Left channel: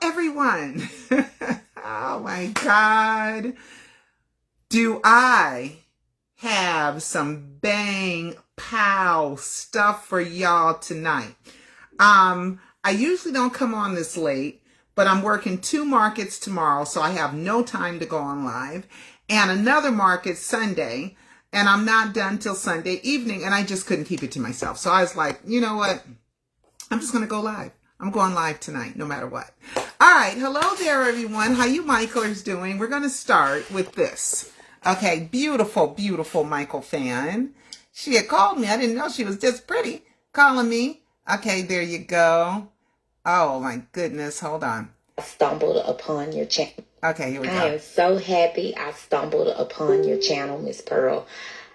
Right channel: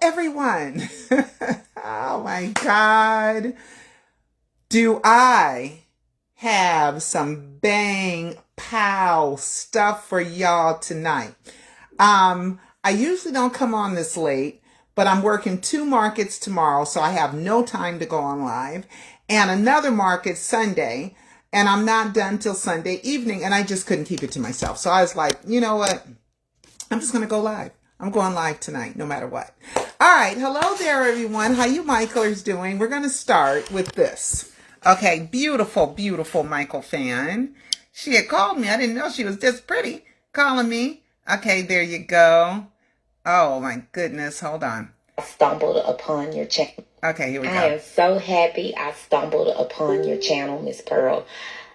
everyone. Oh my God. Do I have some bang pow stuff for y'all tonight? I usually don't come on this late, but I'm working 2 markets tomorrow, so I have no time to go on live, and another market Sunday, and I'm not done till Sunday evening, and I just couldn't keep it to myself. So I was like, you know what? I'm just going to go live. I'm going live tonight, no matter what. All right. Hello there, everyone. How you Michaelers doing? We're going to start with this. Okay. Beautiful, beautiful Michael fan. She had called me. I didn't know she was this pretty. Calling me. Okay. There you go. Oh, my goodness. Hold on. I stumbled upon your channel. Okay. Here we go. I am so happy I stumbled upon your channel, Miss Pearl.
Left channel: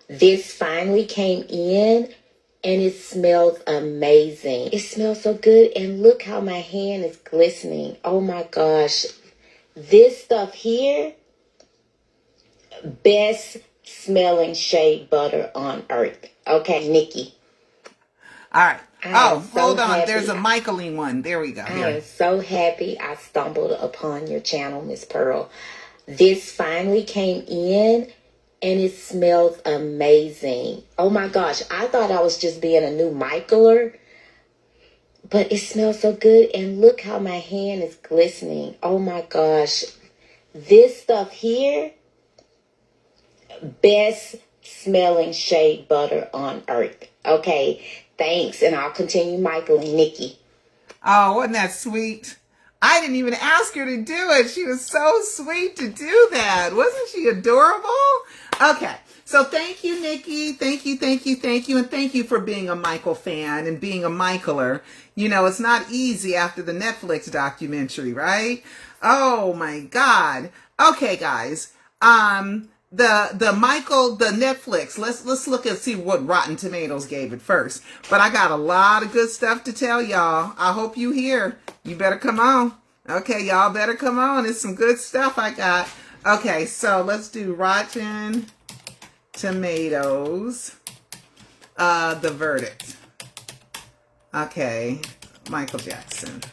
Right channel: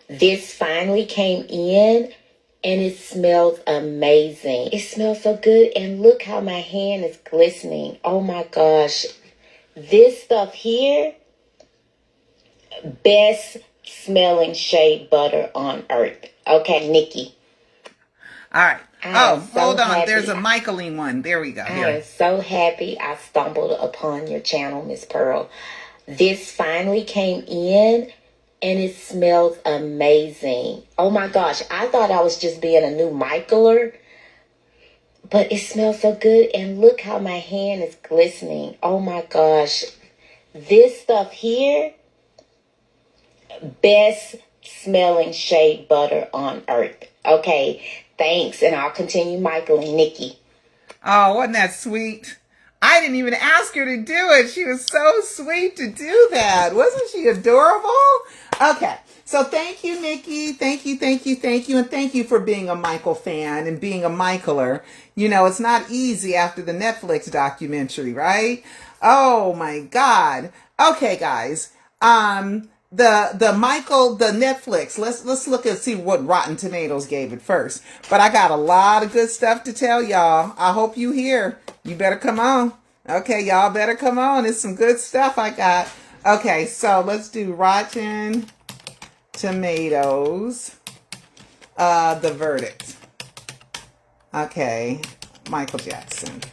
This finally came in. And it smells amazing. It smells so good. And look how my hand is glistening. Oh my gosh. This stuff here, best smelling shea butter on earth. Okay, Nikki. All right. Hold on. There's a Michaeline one. There we go. I am so happy I stumbled upon your channel, Miss Pearl. This finally came in. And it smells amazing. Oh my gosh. I thought I was just being a new Michaeler. But it smells so good. And look how my hand is glistening. Oh my gosh. This stuff here, best smelling shea butter on earth. Okay. Thanks. And I'll continue Michaeling Nikki. Oh, wasn't that sweet? I didn't even ask her to do it. She was so sweet to do that. Wasn't she adorable? Okay. So thank you, Nikki. Thank you, thank you, thank you. And thank you for being a Michael fan and being a Michaeler. You know, it's not easy after the Netflix documentary, right? Oh my God. Okay, guys. The Netflix, let's look and see what Rotten Tomatoes gave it first. But I got a lot of good stuff to tell y'all. I hope you hear. You better come on. Okay, y'all better come on. It's some good stuff I got. Okay, so let's do Rotten Tomatoes. The verdict. Okay, Michael Jackson.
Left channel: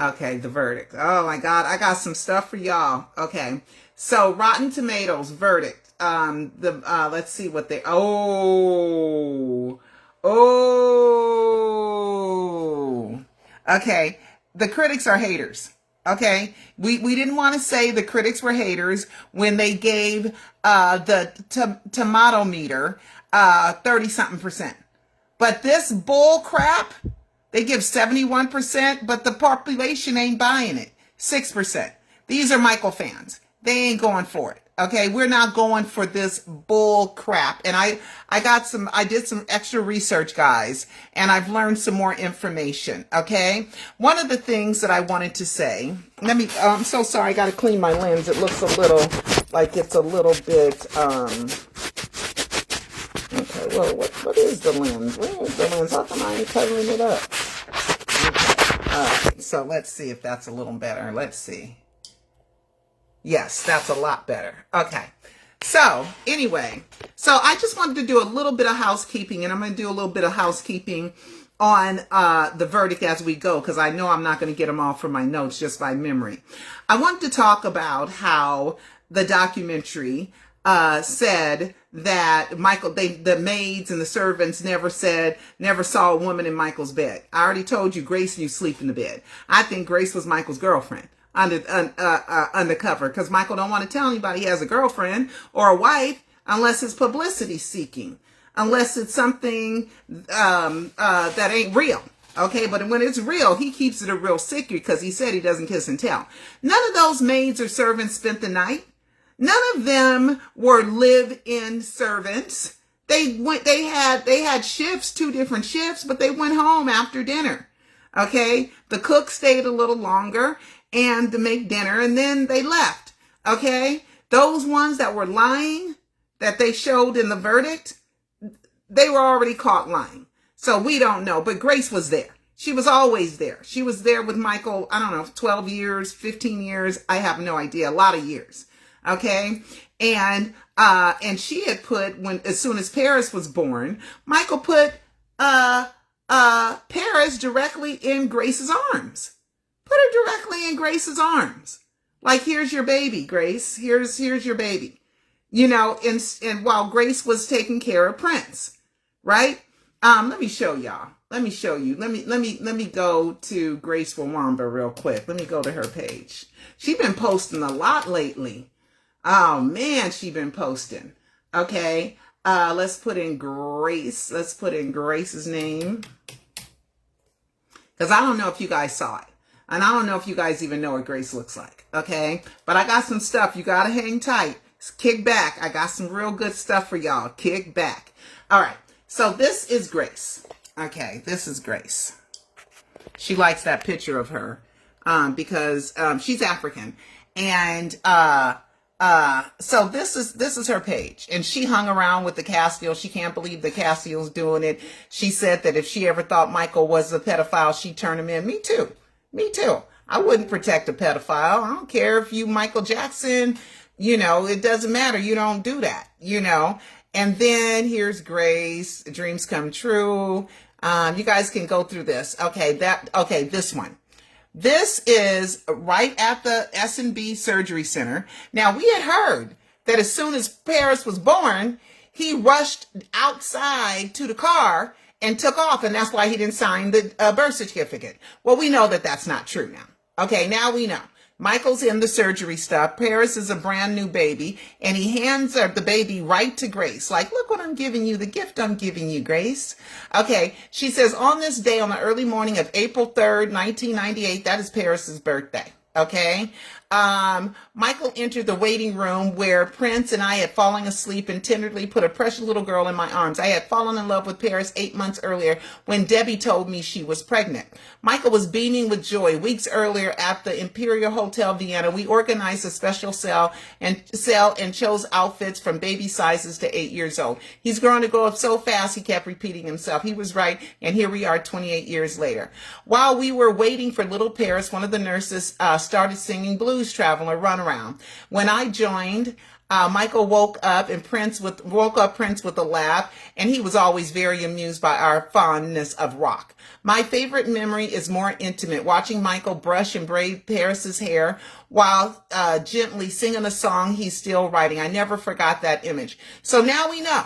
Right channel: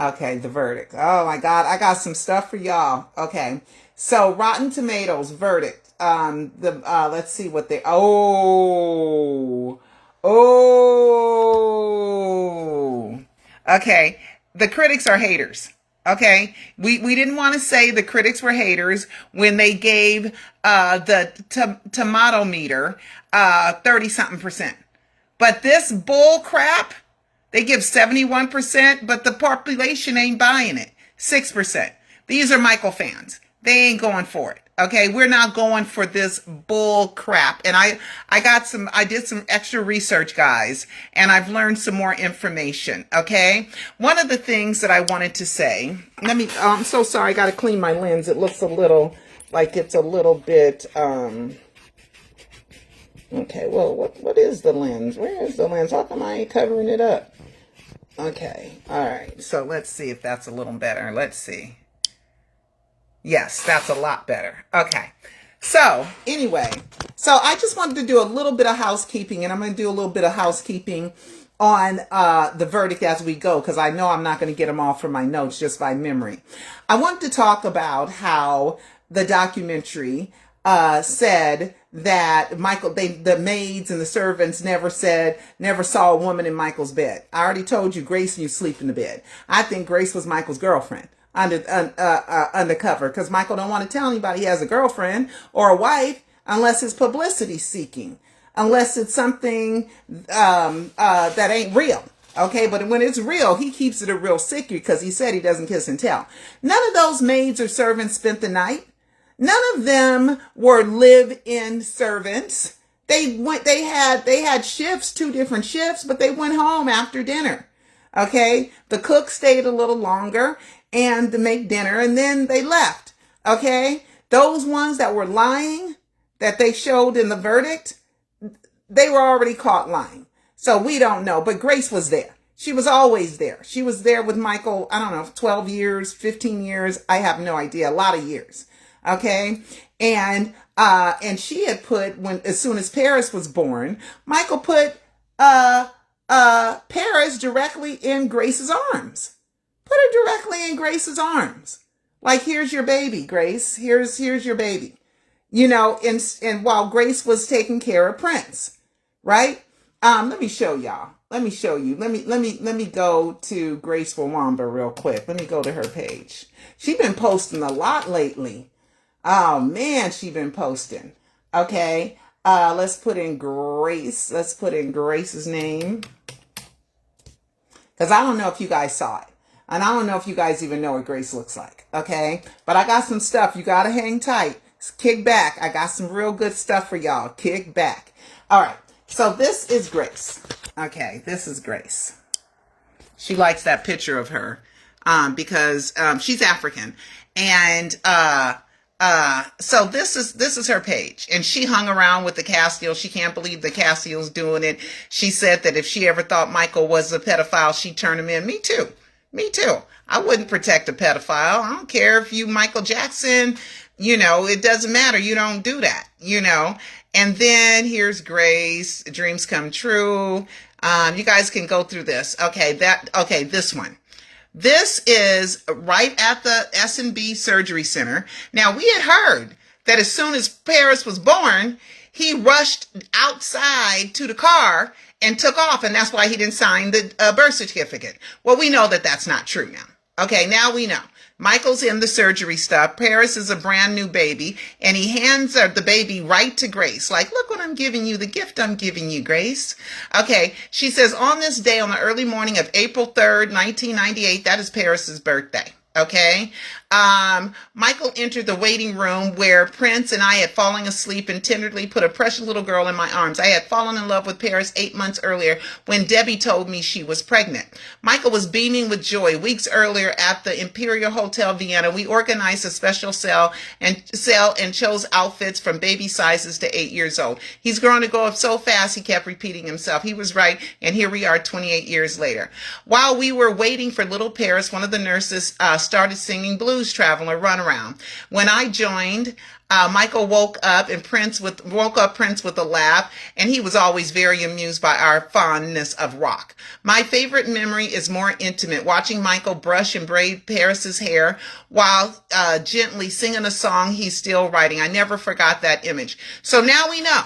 Okay, the verdict. Oh my God, I got some stuff for y'all. Okay. So Rotten Tomatoes verdict. Let's see what they. Okay. The critics are haters. Okay. We didn't want to say the critics were haters when they gave the tomato meter 30-something%. But this bull crap, they give 71%, but the population ain't buying it. 6%. These are Michael fans. They ain't going for it. Okay. We're not going for this bull crap. And I did some extra research, guys, and I've learned some more information. Okay. One of the things that I wanted to say, I'm so sorry. I got to clean my lens. It looks a little like it's a little bit, okay. Well, what is the lens? Where is the lens? How come I ain't covering it up? Okay. All right. So let's see if that's a little better. Let's see. Yes, that's a lot better. Okay. So anyway, so I just wanted to do a little bit of housekeeping, and I'm going to do a little bit of housekeeping on the verdict as we go, because I know I'm not going to get them all from my notes just by memory. I wanted to talk about how the documentary said that the maids and the servants never saw a woman in Michael's bed. I already told you Grace knew sleep in the bed. I think Grace was Michael's girlfriend. Undercover, because Michael don't want to tell anybody he has a girlfriend or a wife unless it's publicity seeking, unless it's something that ain't real. Okay, but when it's real, he keeps it a real secret because he said he doesn't kiss and tell. None of those maids or servants spent the night. None of them were live-in servants. They had shifts, 2 different shifts, but they went home after dinner. Okay, the cook stayed a little longer and to make dinner, and then they left. Okay, those ones that were lying that they showed in the verdict, they were already caught lying. So we don't know, but Grace was there. She was always there. She was there with Michael, I don't know, 12 years, 15 years. I have no idea, a lot of years. Okay, and she had put, as soon as Paris was born, Michael put Paris directly in Grace's arms. Put her directly in Grace's arms. Like, here's your baby, Grace. Here's your baby. You know, and while Grace was taking care of Prince, right? Let me show y'all. Let me show you. Let me go to Grace Wawamba real quick. Let me go to her page. She's been posting a lot lately. Oh man, she's been posting. Okay. Let's put in Grace. Let's put in Grace's name. Because I don't know if you guys saw it. And I don't know if you guys even know what Grace looks like. Okay. But I got some stuff. You got to hang tight. Kick back. I got some real good stuff for y'all. Kick back. All right. So this is Grace. Okay. This is Grace. She likes that picture of her because she's African. And so this is her page, and she hung around with the Cascio. She can't believe the Cascio's doing it. She said that if she ever thought Michael was a pedophile, she'd turn him in. Me too. Me too. I wouldn't protect a pedophile. I don't care if you Michael Jackson, you know, it doesn't matter. You don't do that, you know. And then here's Grace, dreams come true. You guys can go through this. Okay, this one. This is right at the S&B Surgery Center. Now, we had heard that as soon as Paris was born, he rushed outside to the car and took off, and that's why he didn't sign the birth certificate. Well, we know that that's not true now. Okay, now we know. Michael's in the surgery stuff. Paris is a brand new baby, and he hands the baby right to Grace. Like, look what I'm giving you, the gift I'm giving you, Grace. Okay, she says, on this day, on the early morning of April 3rd, 1998, that is Paris's birthday. Okay. Michael entered the waiting room where Prince and I had fallen asleep and tenderly put a precious little girl in my arms. I had fallen in love with Paris 8 months earlier when Debbie told me she was pregnant. Michael was beaming with joy. Weeks earlier at the Imperial Hotel Vienna, we organized a special sale and chose outfits from baby sizes to 8 years old. He's grown to grow up so fast, he kept repeating himself. He was right, and here we are 28 years later. While we were waiting for little Paris, one of the nurses started singing Blues Traveler Runaround. When I joined, Michael woke up Prince with a laugh, and he was always very amused by our fondness of rock. My favorite memory is more intimate, watching Michael brush and braid Paris's hair while gently singing a song he's still writing. I never forgot that image. So now we know.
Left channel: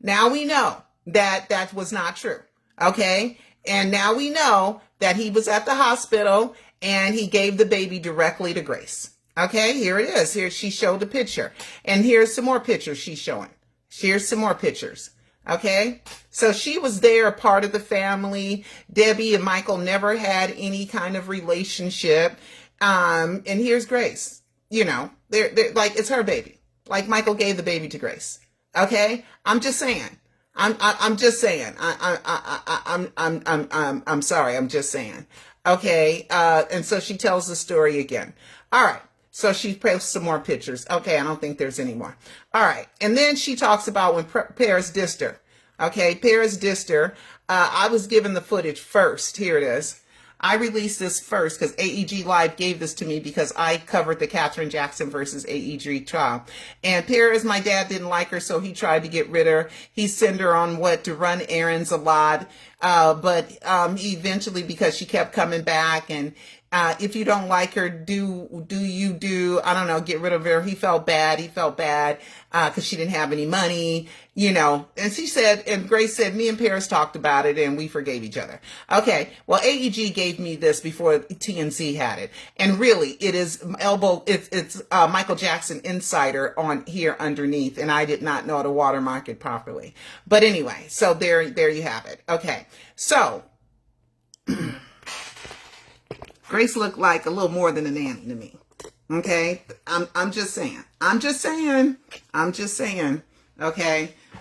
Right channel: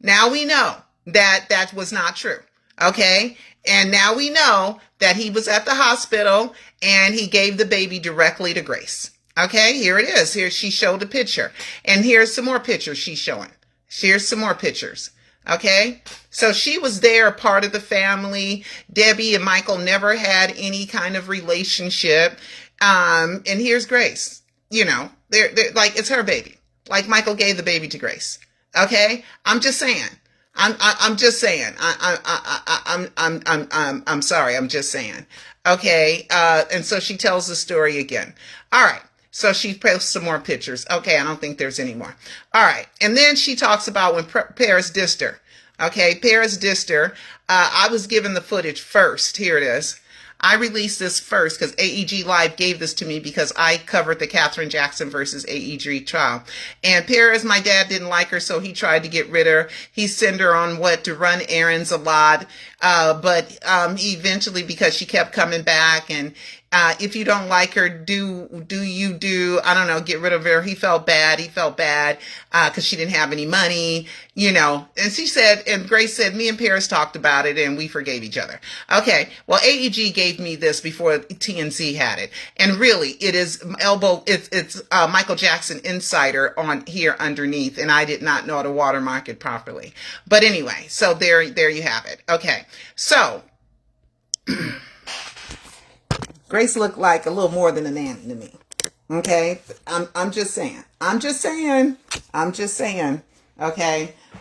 Now we know that that was not true. Okay? And now we know that he was at the hospital and he gave the baby directly to Grace. Okay, here it is. Here she showed a picture. And here's some more pictures she's showing. Here's some more pictures. Okay, so she was there, a part of the family. Debbie and Michael never had any kind of relationship. And here's Grace. You know, they're like, it's her baby. Like, Michael gave the baby to Grace. Okay, I'm just saying. I'm just saying. I'm sorry. I'm just saying. Okay. And so she tells the story again. All right. So she posts some more pictures. Okay. I don't think there's any more. All right. And then she talks about when Paris dissed her. Okay. Paris dissed her. I was given the footage first. Here it is. I released this first because AEG Live gave this to me because I covered the Katherine Jackson versus AEG trial. And Paris, my dad didn't like her, so he tried to get rid of her. He sent her on to run errands a lot. But eventually, because she kept coming back, and if you don't like her, I don't know, get rid of her. He felt bad because she didn't have any money, you know. And she said, and Grace said, me and Paris talked about it and we forgave each other. Okay, well, AEG gave me this before TNC had it. And really, it is it's Michael Jackson Insider on here underneath, and I did not know how to watermark it properly. But anyway, so there you have it. Okay, so Grace looked like a little more than a nanny to me. Okay, I'm just saying. Okay,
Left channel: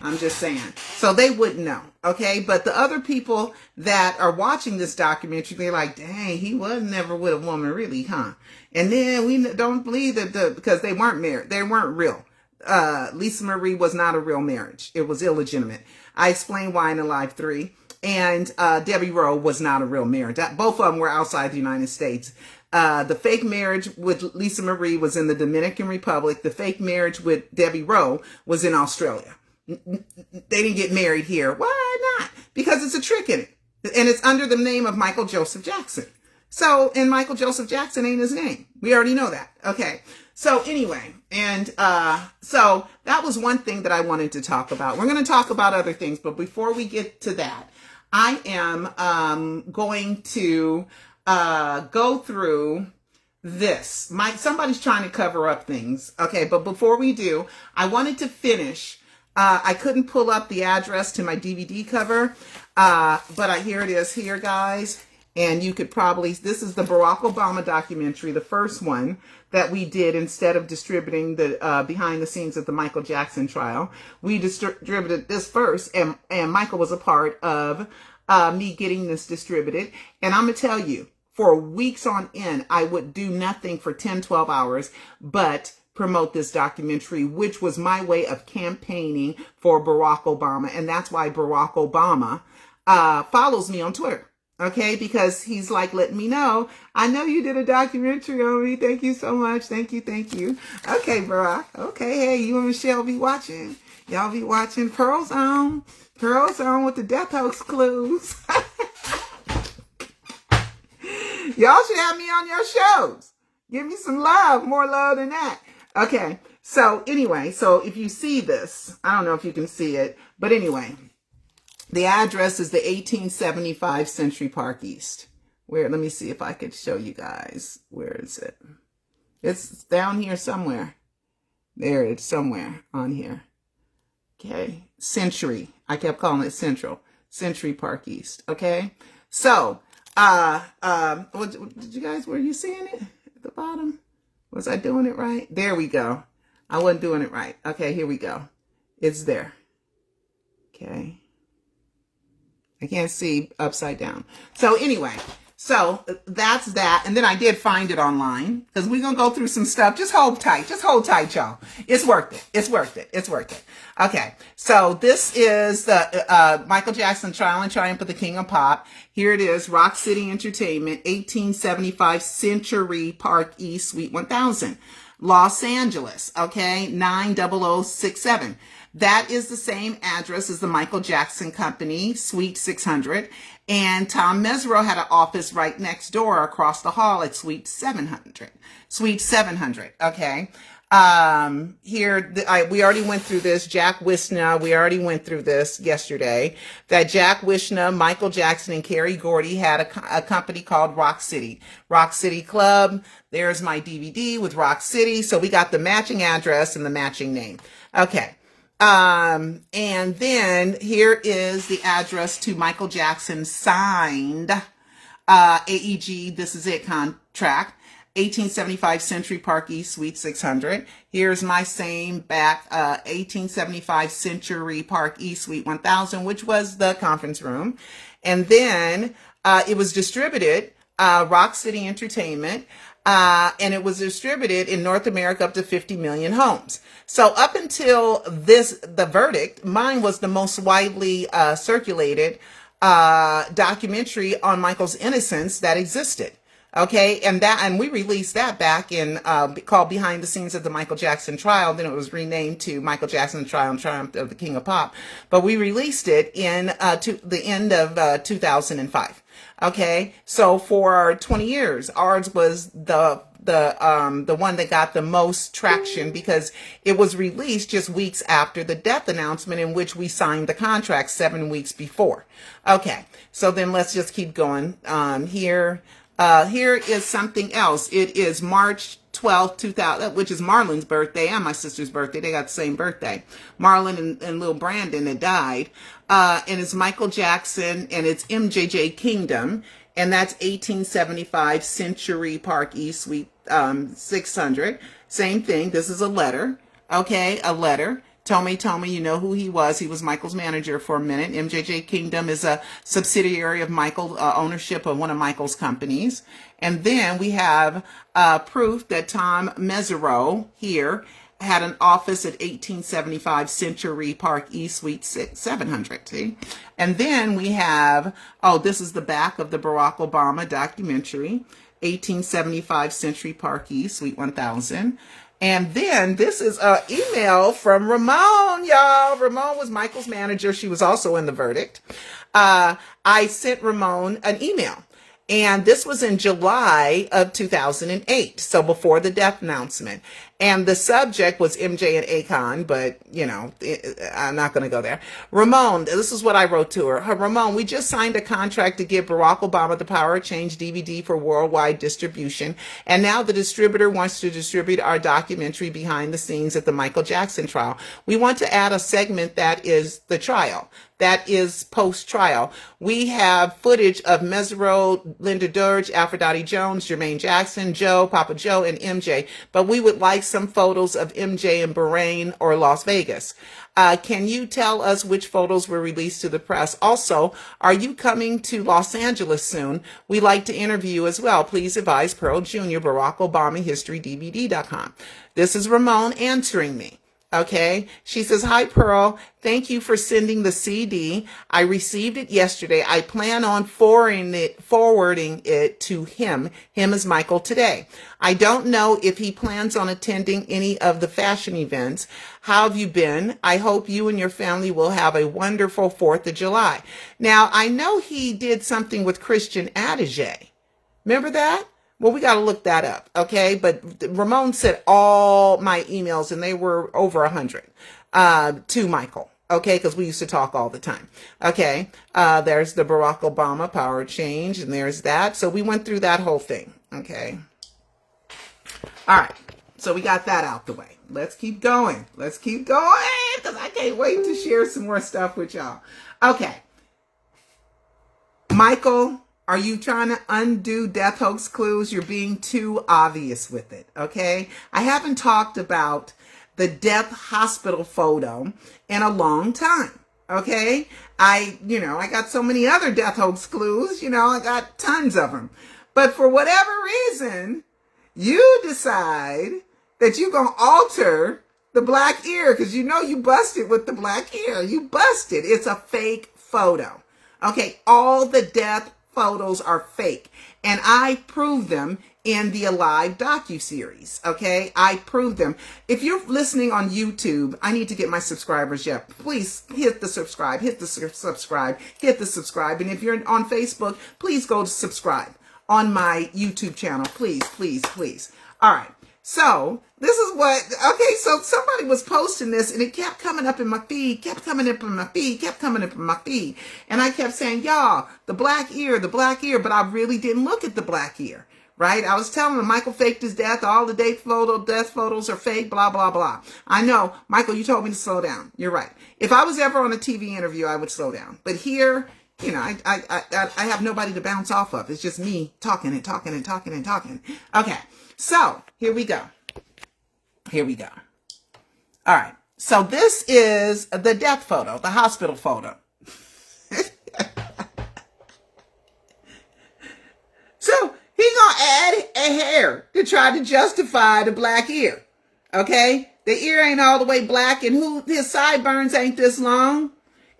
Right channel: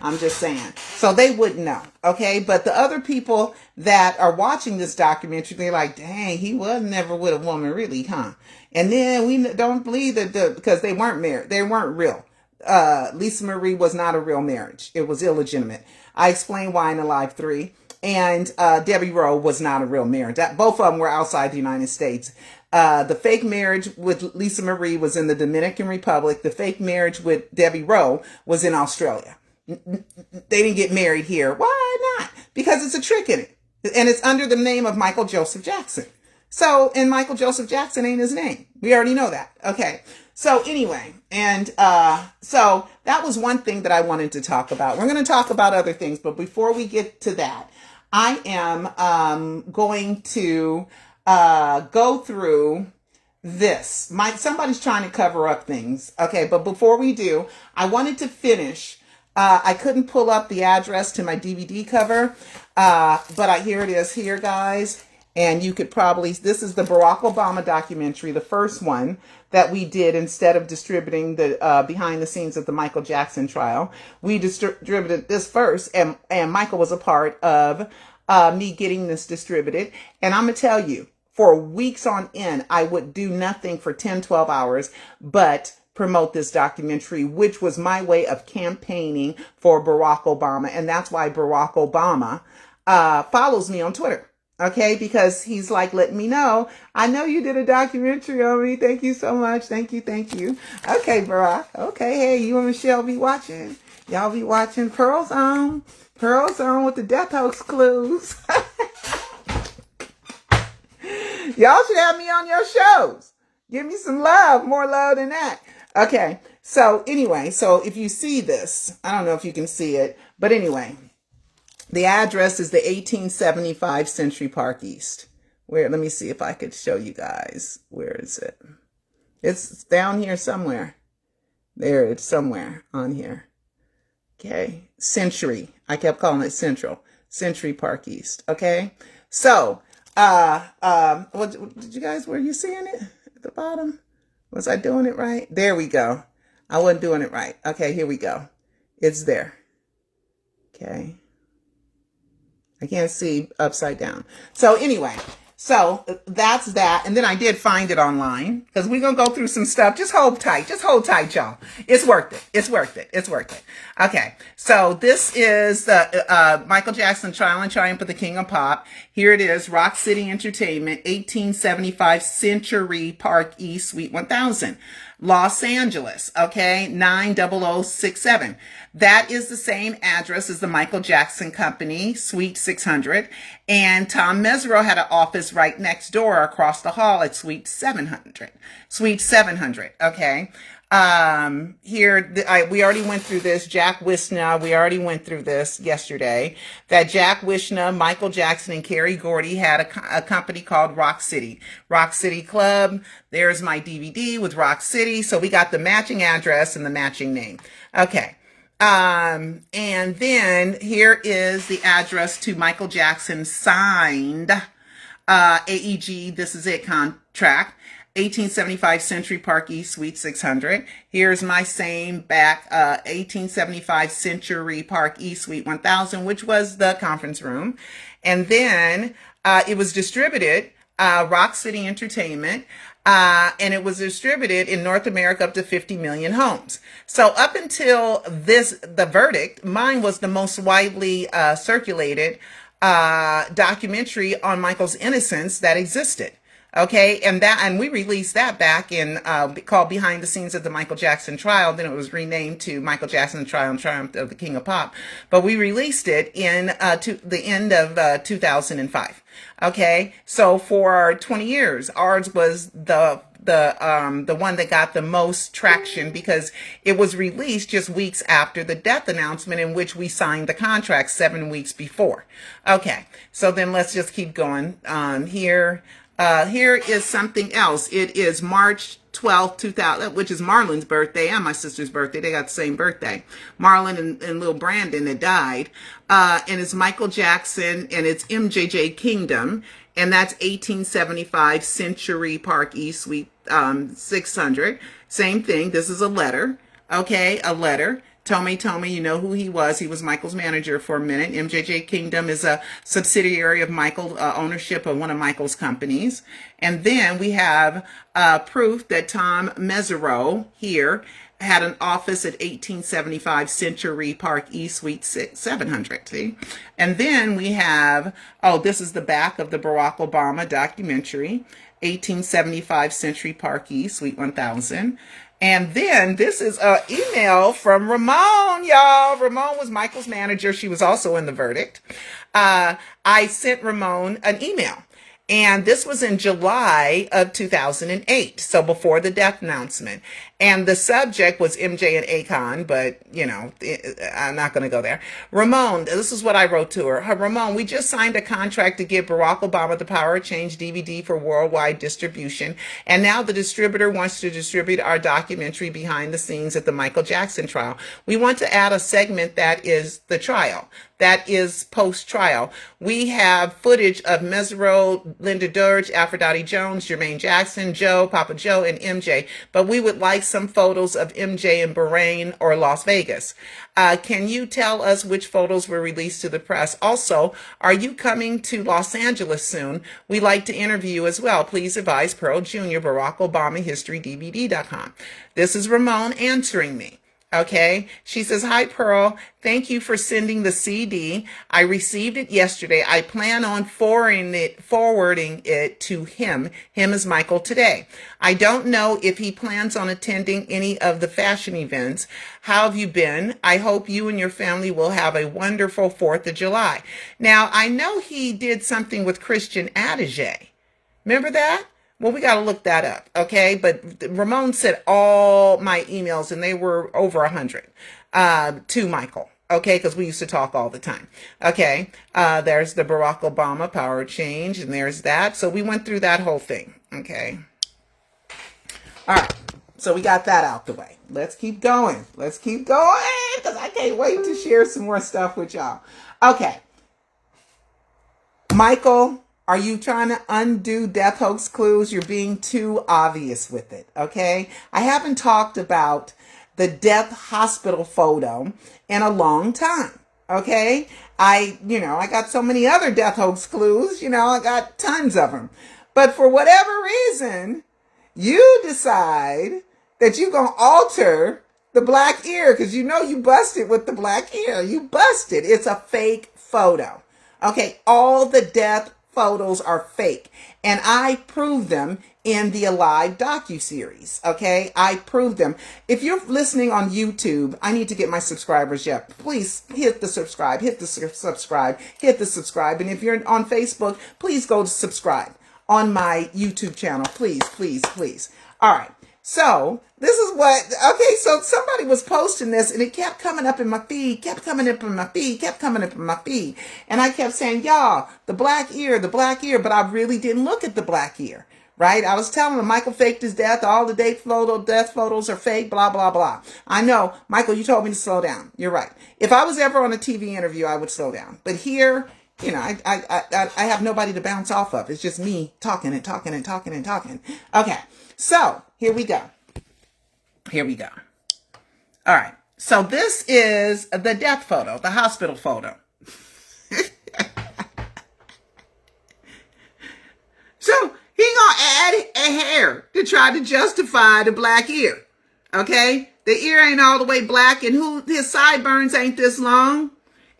I'm just saying. So they wouldn't know. Okay, but the other people that are watching this documentary, they're like, dang, he was never with a woman, really, huh? And then we don't believe that because they weren't married. They weren't real. Lisa Marie was not a real marriage. It was illegitimate. I explained why in Alive 3. And Debbie Rowe was not a real marriage. Both of them were outside the United States. The fake marriage with Lisa Marie was in the Dominican Republic. The fake marriage with Debbie Rowe was in Australia. They didn't get married here. Why not? Because it's a trick in it. And it's under the name of Michael Joseph Jackson. So, and Michael Joseph Jackson ain't his name. We already know that. Okay. So anyway, and so that was one thing that I wanted to talk about. We're going to talk about other things, but before we get to that, I am going to go through this. Somebody's trying to cover up things. Okay, but before we do, I wanted to finish. I couldn't pull up the address to my DVD cover, but here it is here, guys. And you could probably, this is the Barack Obama documentary, the first one that we did instead of distributing the behind the scenes of the Michael Jackson trial. We distributed this first, and Michael was a part of me getting this distributed. And I'm going to tell you, for weeks on end, I would do nothing for 10, 12 hours, but promote this documentary, which was my way of campaigning for Barack Obama. And that's why Barack Obama follows me on Twitter. Okay, because he's like, let me know. I know you did a documentary on me. Thank you so much. Thank you. Thank you. Okay, Barack. Okay, hey, you and Michelle be watching. Y'all be watching Pearl Zone. Pearl Zone with the death hoax clues. Y'all should have me on your shows. Give me some love. More love than that. Okay, so anyway, so if you see this, I don't know if you can see it, but anyway. The address is the 1875 Century Park East. Where, let me see if I could show you guys. Where is it? It's down here somewhere. There, it's somewhere on here. Okay. Century. I kept calling it Central. Century Park East. Okay. So, did you guys, were you seeing it at the bottom? Was I doing it right? There we go. I wasn't doing it right. Okay, here we go. It's there. Okay. I can't see upside down. So anyway, so that's that. And then I did find it online because we're going to go through some stuff. Just hold tight. Just hold tight, y'all. It's worth it. It's worth it. It's worth it. Okay. So this is the Michael Jackson Trial and Triumph of the King of Pop. Here it is. Rock City Entertainment, 1875 Century Park East, Suite 1000. Los Angeles. Okay. 90067. That is the same address as the Michael Jackson Company, Suite 600. And Tom Mesereau had an office right next door across the hall at Suite 700. Suite 700, okay? We already went through this. Jack Wishna, we already went through this yesterday. That Jack Wishna, Michael Jackson, and Kerry Gordy had a company called Rock City. Rock City Club. There's my DVD with Rock City. So we got the matching address and the matching name. Okay. And then here is the address to Michael Jackson signed, AEG, this is it contract, 1875 Century Park East, Suite 600. Here's my same back, 1875 Century Park East, Suite 1000, which was the conference room. And then, it was distributed, Rock City Entertainment, and it was distributed in North America up to 50 million homes. So up until the verdict, mine was the most widely circulated documentary on Michael's innocence that existed. Okay, and we released that back in called Behind the Scenes of the Michael Jackson Trial. Then it was renamed to Michael Jackson Trial and Triumph of the King of Pop. But we released it in to the end of 2005. Okay, so for 20 years, ours was the one that got the most traction because it was released just weeks after the death announcement in which we signed the contract 7 weeks before. Okay, so then let's just keep going. Here is something else. It is March 12th, 2000, which is Marlon's birthday and my sister's birthday. They got the same birthday. Marlon and little Brandon that died. And it's Michael Jackson and it's MJJ Kingdom. And that's 1875 Century Park East, Suite 600. Same thing. This is a letter. Okay, a letter. Tommy, you know who he was. He was Michael's manager for a minute. MJJ Kingdom is a subsidiary of Michael, ownership of one of Michael's companies. And then we have proof that Tom Mesereau here had an office at 1875 Century Park East, Suite 700. See? And then we have, this is the back of the Barack Obama documentary, 1875 Century Park East, Suite 1000. And then this is an email from Ramon, y'all. Ramon was Michael's manager. She was also in the verdict. I sent Ramon an email. And this was in July of 2008, so before the death announcement. And the subject was MJ and Akon, but, you know, I'm not going to go there. Ramon, this is what I wrote to her. Ramon, we just signed a contract to give Barack Obama the Power of Change DVD for worldwide distribution. And now the distributor wants to distribute our documentary behind the scenes at the Michael Jackson trial. We want to add a segment that is the trial. That is post-trial. We have footage of Mesro, Linda Durge, Aphrodite Jones, Jermaine Jackson, Joe, Papa Joe, and MJ. But we would like some photos of MJ in Bahrain or Las Vegas. Can you tell us which photos were released to the press? Also, are you coming to Los Angeles soon? We'd like to interview you as well. Please advise Pearl Jr., Barack Obama History DVD.com. This is Ramon answering me. Okay. She says, hi, Pearl. Thank you for sending the CD. I received it yesterday. I plan on forwarding it to him. Him is Michael today. I don't know if he plans on attending any of the fashion events. How have you been? I hope you and your family will have a wonderful 4th of July. Now, I know he did something with Christian Adige. Remember that? Well, we got to look that up, okay? But Ramon sent all my emails, and they were over 100 to Michael, okay? Because we used to talk all the time, okay? There's the Barack Obama Power Change, and there's that. So we went through that whole thing, okay? All right, so we got that out the way. Let's keep going. Let's keep going, because I can't wait to share some more stuff with y'all. Okay. Michael, are you trying to undo death hoax clues? You're being too obvious with it, okay? I haven't talked about the death hospital photo in a long time, okay? I got so many other death hoax clues, I got tons of them. But for whatever reason, you decide that you're going to alter the black ear because you busted with the black ear. You busted. It's a fake photo, okay? All the death photos are fake, and I proved them in the Alive docuseries, okay? I proved them. If you're listening on YouTube, I need to get my subscribers up. Please hit the subscribe, and if you're on Facebook, please go to subscribe on my YouTube channel, please. All right, so this is so somebody was posting this, and it kept coming up in my feed, and I kept saying, y'all, the black ear, but I really didn't look at the black ear, right? I was telling them Michael faked his death, all the death photos are fake, blah, blah, blah. I know, Michael, you told me to slow down. You're right. If I was ever on a TV interview, I would slow down. But here, I have nobody to bounce off of. It's just me talking. Okay, so here we go. All right. So this is the death photo, the hospital photo. So he gonna add a hair to try to justify the black ear. Okay? The ear ain't all the way black, and his sideburns ain't this long.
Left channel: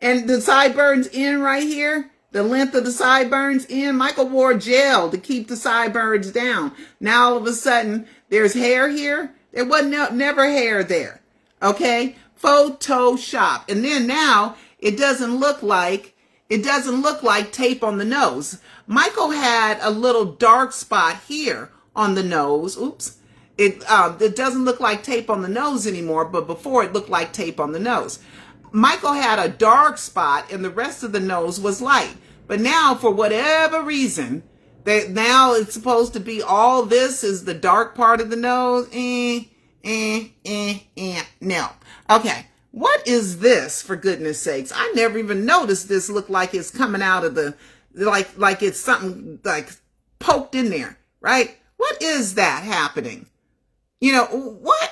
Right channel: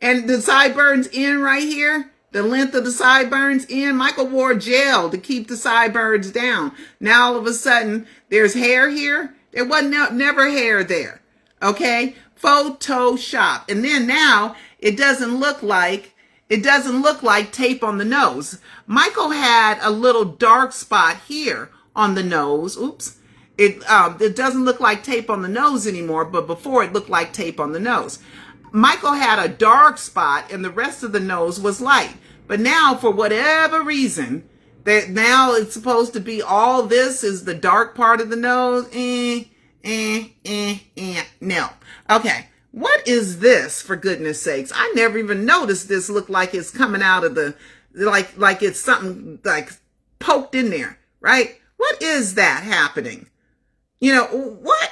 And the sideburns in right here, the length of the sideburns in, Michael wore gel to keep the sideburns down. Now all of a sudden, there's hair here. There wasn't never hair there. Okay? Photoshop. And then now it doesn't look like tape on the nose. Michael had a little dark spot here on the nose. Oops. It doesn't look like tape on the nose anymore, but before it looked like tape on the nose. Michael had a dark spot and the rest of the nose was light. But now, for whatever reason, that now it's supposed to be all this is the dark part of the nose. No. Okay. What is this, for goodness sakes? I never even noticed this looked like it's coming out of like it's something like poked in there, right? What is that happening? What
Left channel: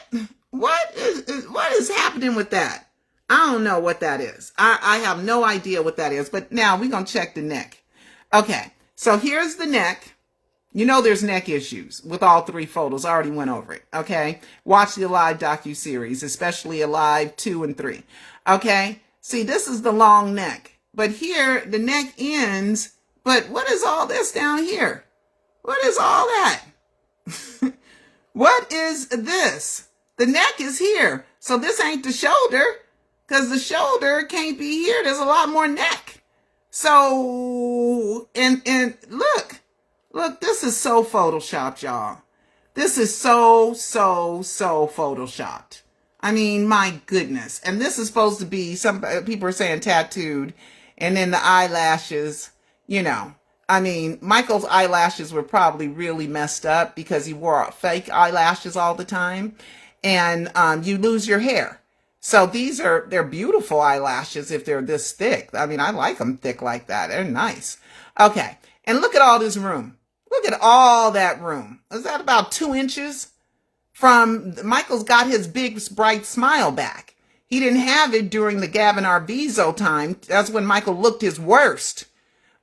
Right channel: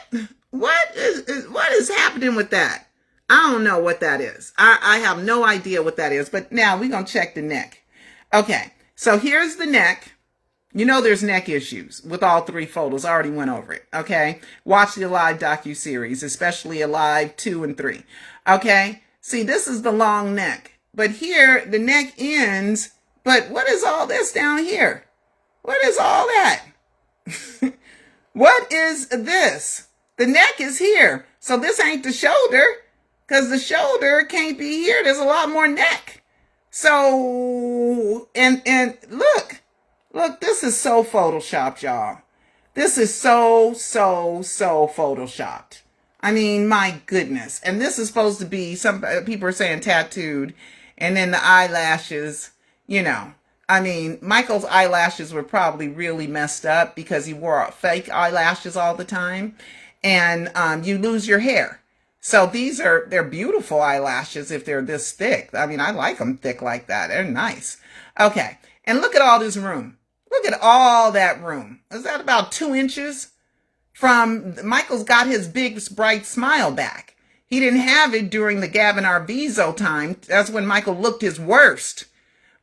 is happening with that? I don't know what that is. I have no idea what that is, but now we're going to check the neck. Okay, so here's the neck. There's neck issues with all three photos. I already went over it, okay? Watch the Alive docuseries, especially Alive 2 and 3, okay? See, this is the long neck, but here the neck ends, but what is all this down here? What is all that? What is this? The neck is here, so this ain't the shoulder, because the shoulder can't be here. There's a lot more neck. So, and look, Look, this is so photoshopped, y'all. This is so photoshopped. I mean, my goodness. And this is supposed to be, some people are saying tattooed, and then the eyelashes, you know. I mean, Michael's eyelashes were probably really messed up because he wore fake eyelashes all the time, and you lose your hair. So they're beautiful eyelashes if they're this thick. I mean, I like them thick like that. They're nice. Okay, and look at all this room. Look at all that room. Is that about 2 inches? Michael's got his big, bright smile back. He didn't have it during the Gavin Arvizo time. That's when Michael looked his worst,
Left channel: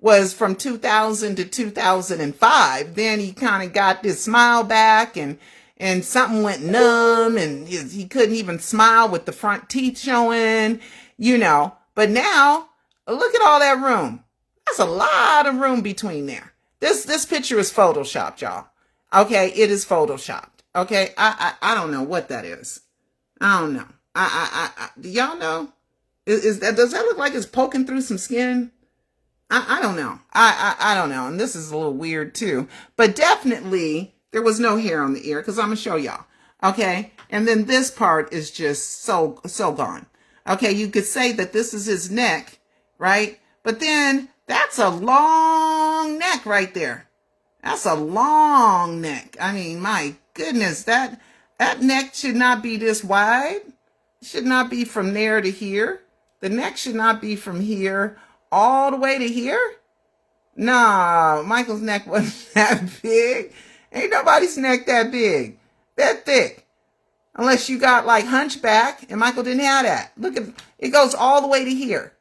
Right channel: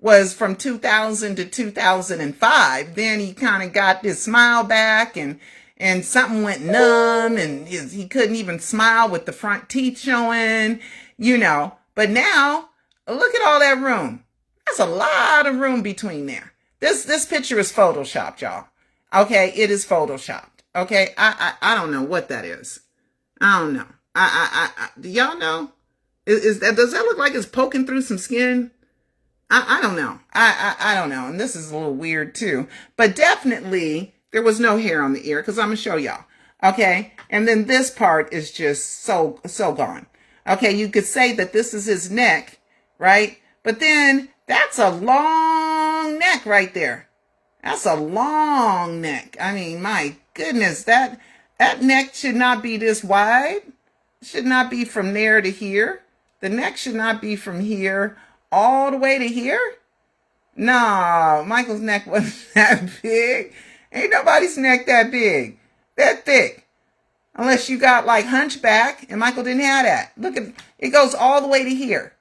was from 2000 to 2005. Then he kind of got this smile back, and something went numb, and he couldn't even smile with the front teeth showing, you know. But now, look at all that room. That's a lot of room between there. This picture is photoshopped, y'all. Okay, it is photoshopped. Okay, I don't know what that is. I don't know. Do y'all know? Does that look like it's poking through some skin? I don't know. I don't know. And this is a little weird too. But definitely there was no hair on the ear, because I'm gonna show y'all. Okay, and then this part is just so gone. Okay, you could say that this is his neck, right? But then that's a long neck right there. That's a long neck. I mean, my goodness, that neck should not be this wide. It should not be from there to here. The neck should not be from here all the way to here. No, Michael's neck wasn't that big. Ain't nobody's neck that big, that thick. Unless you got like hunchback, and Michael didn't have that. Look at it, goes all the way to here.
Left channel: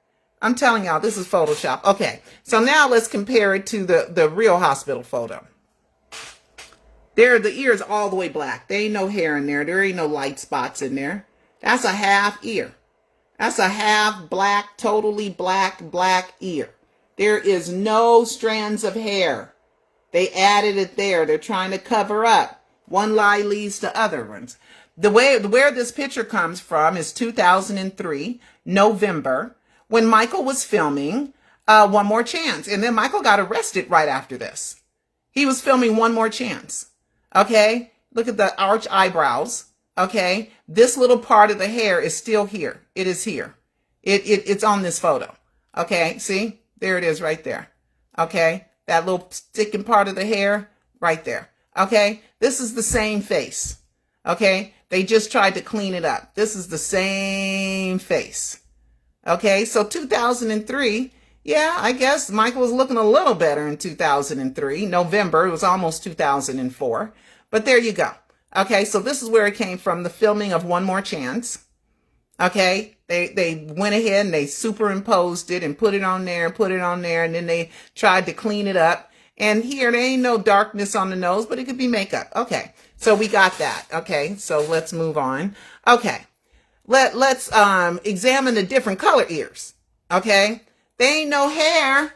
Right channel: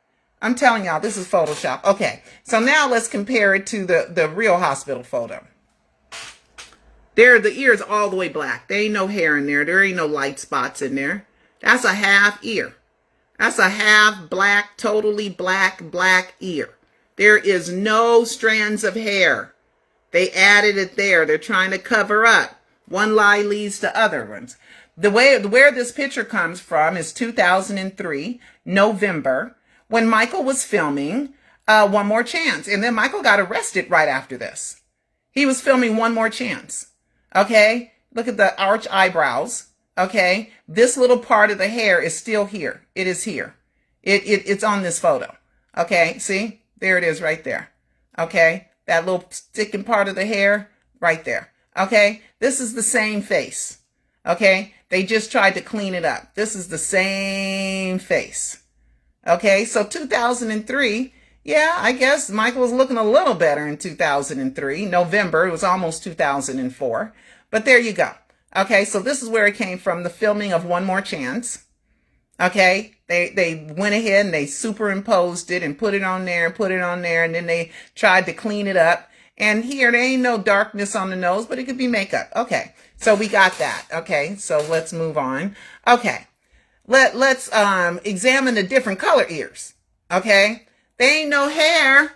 I'm telling y'all, this is Photoshop. Okay, so now let's compare it to the real hospital photo. There, the ear is all the way black. There ain't no hair in there. There ain't no light spots in there. That's a half ear. That's a half black, totally black ear. There is no strands of hair. They added it there. They're trying to cover up. One lie leads to other ones. Where this picture comes from is 2003, November, when Michael was filming One More Chance. And then Michael got arrested right after this. He was filming One More Chance. Okay, look at the arch eyebrows. Okay, this little part of the hair is still here. It is here. It's on this photo. Okay, see? There it is right there. Okay, that little sticking part of the hair right there. Okay, this is the same face. Okay, they just tried to clean it up. This is the same face. Okay, so 2003, yeah, I guess Michael was looking a little better in 2003. November, it was almost 2004. But there you go. Okay, so this is where it came from, the filming of One More Chance. Okay, they went ahead and they superimposed it and put it on there, and then they tried to clean it up. And here, there ain't no darkness on the nose, but it could be makeup. Okay, so we got that. Okay, so let's move on. Okay, let's examine the different color ears. Okay, there ain't no hair,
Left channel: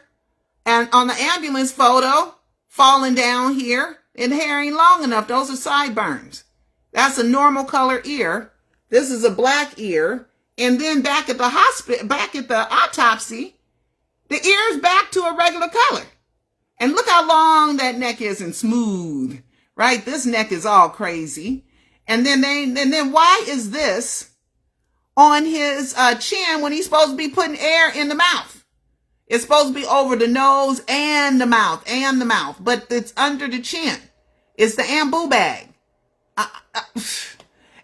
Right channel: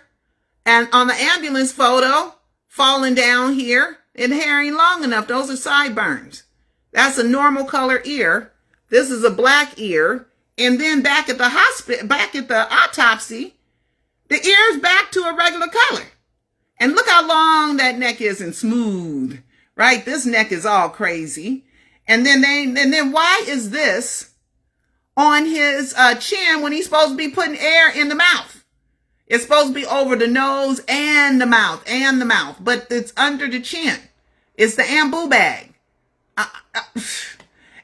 and on the ambulance photo, falling down here, and hair ain't long enough. Those are sideburns. That's a normal color ear. This is a black ear. And then back at the hospital, back at the autopsy, the ear's back to a regular color. And look how long that neck is and smooth, right? This neck is all crazy. And then why is this on his chin when he's supposed to be putting air in the mouth? It's supposed to be over the nose and the mouth, but it's under the chin. It's the Ambu bag.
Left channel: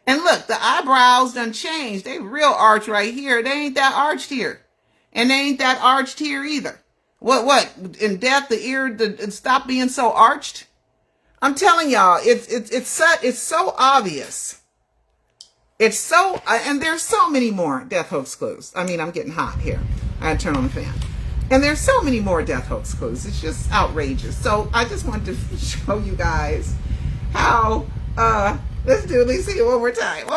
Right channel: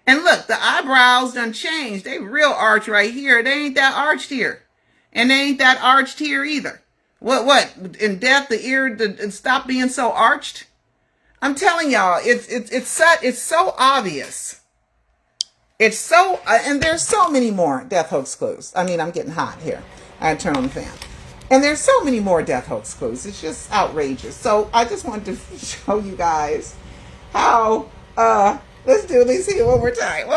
And look, the eyebrows done changed. They real arch right here. They ain't that arched here. And they ain't that arched here either. What? In death, the ear stop being so arched? I'm telling y'all, it's so obvious. It's so, and there's so many more death hoax clues. I mean, I'm getting hot here. I gotta turn on the fan. And there's so many more death hoax clues. It's just outrageous. So I just wanted to show you guys how, let's do at least one more time.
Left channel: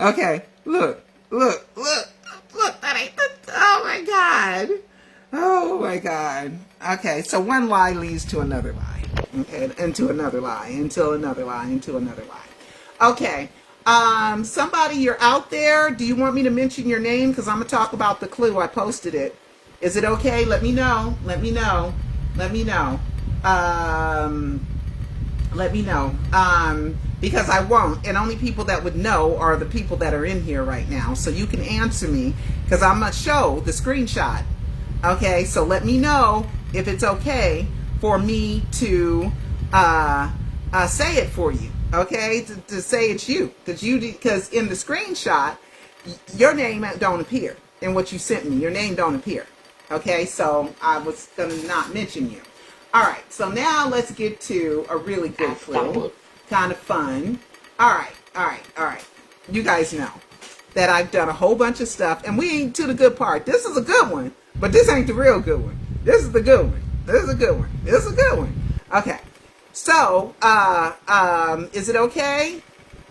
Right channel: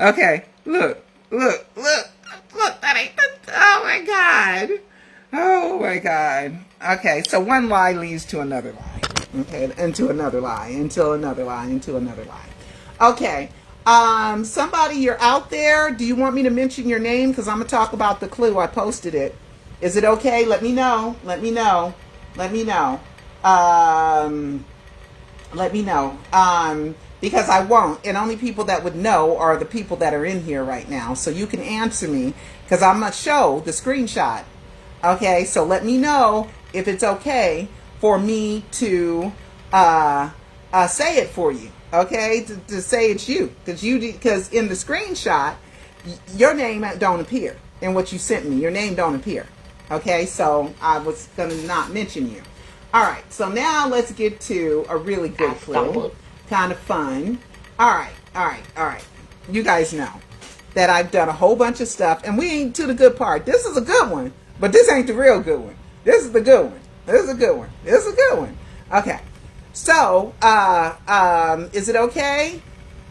Okay, look, that ain't, oh my God. Okay, so one lie leads to another lie. Okay, into another lie, into another lie. Okay. Somebody, you're out there. Do you want me to mention your name? Because I'm going to talk about the clue. I posted it. Is it okay? Let me know. Let me know. Let me know. Let me know. Because I won't. And only people that would know are the people that are in here right now. So you can answer me because I'm going to show the screenshot. Okay, so let me know if it's okay for me to say it for you. Okay, to say it's you. Because in the screenshot, your name don't appear in what you sent me. Your name don't appear. Okay, so I was going to not mention you. All right, so now let's get to a really good clue. Kind of fun. All right. You guys know that I've done a whole bunch of stuff, and we ain't to the good part. This is a good one, but this ain't the real good one. This is the good one. This is a good one. This is a good one. Okay. So, is it okay?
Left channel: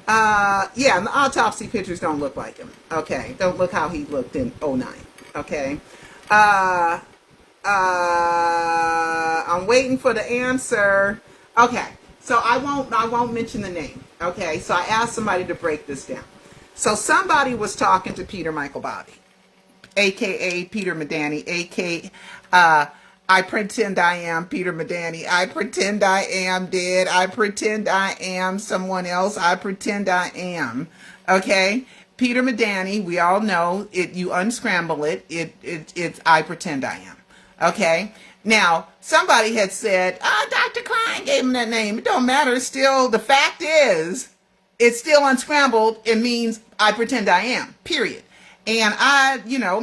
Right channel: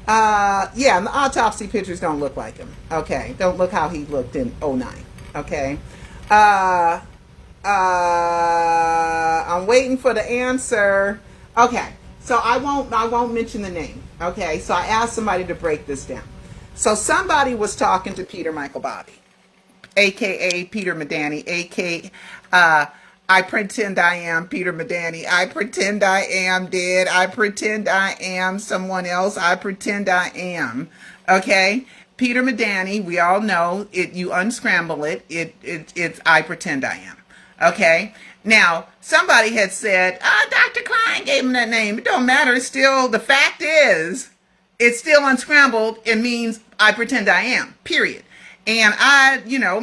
Yeah, the autopsy pictures don't look like him. Okay. Don't look how he looked in '09. Okay. I'm waiting for the answer. Okay. So I won't mention the name. Okay. So I asked somebody to break this down. So somebody was talking to Peter Michael Bobby, aka Peter Medani, aka I pretend I am Peter Medani. I pretend I am dead. I pretend I am someone else. I pretend I am. Okay? Peter Medani, we all know it. You unscramble it. It's I pretend I am. Okay? Now, somebody had said, Dr. Klein gave him that name. It don't matter. It's still, the fact is, it's still unscrambled. It means I pretend I am. Period. And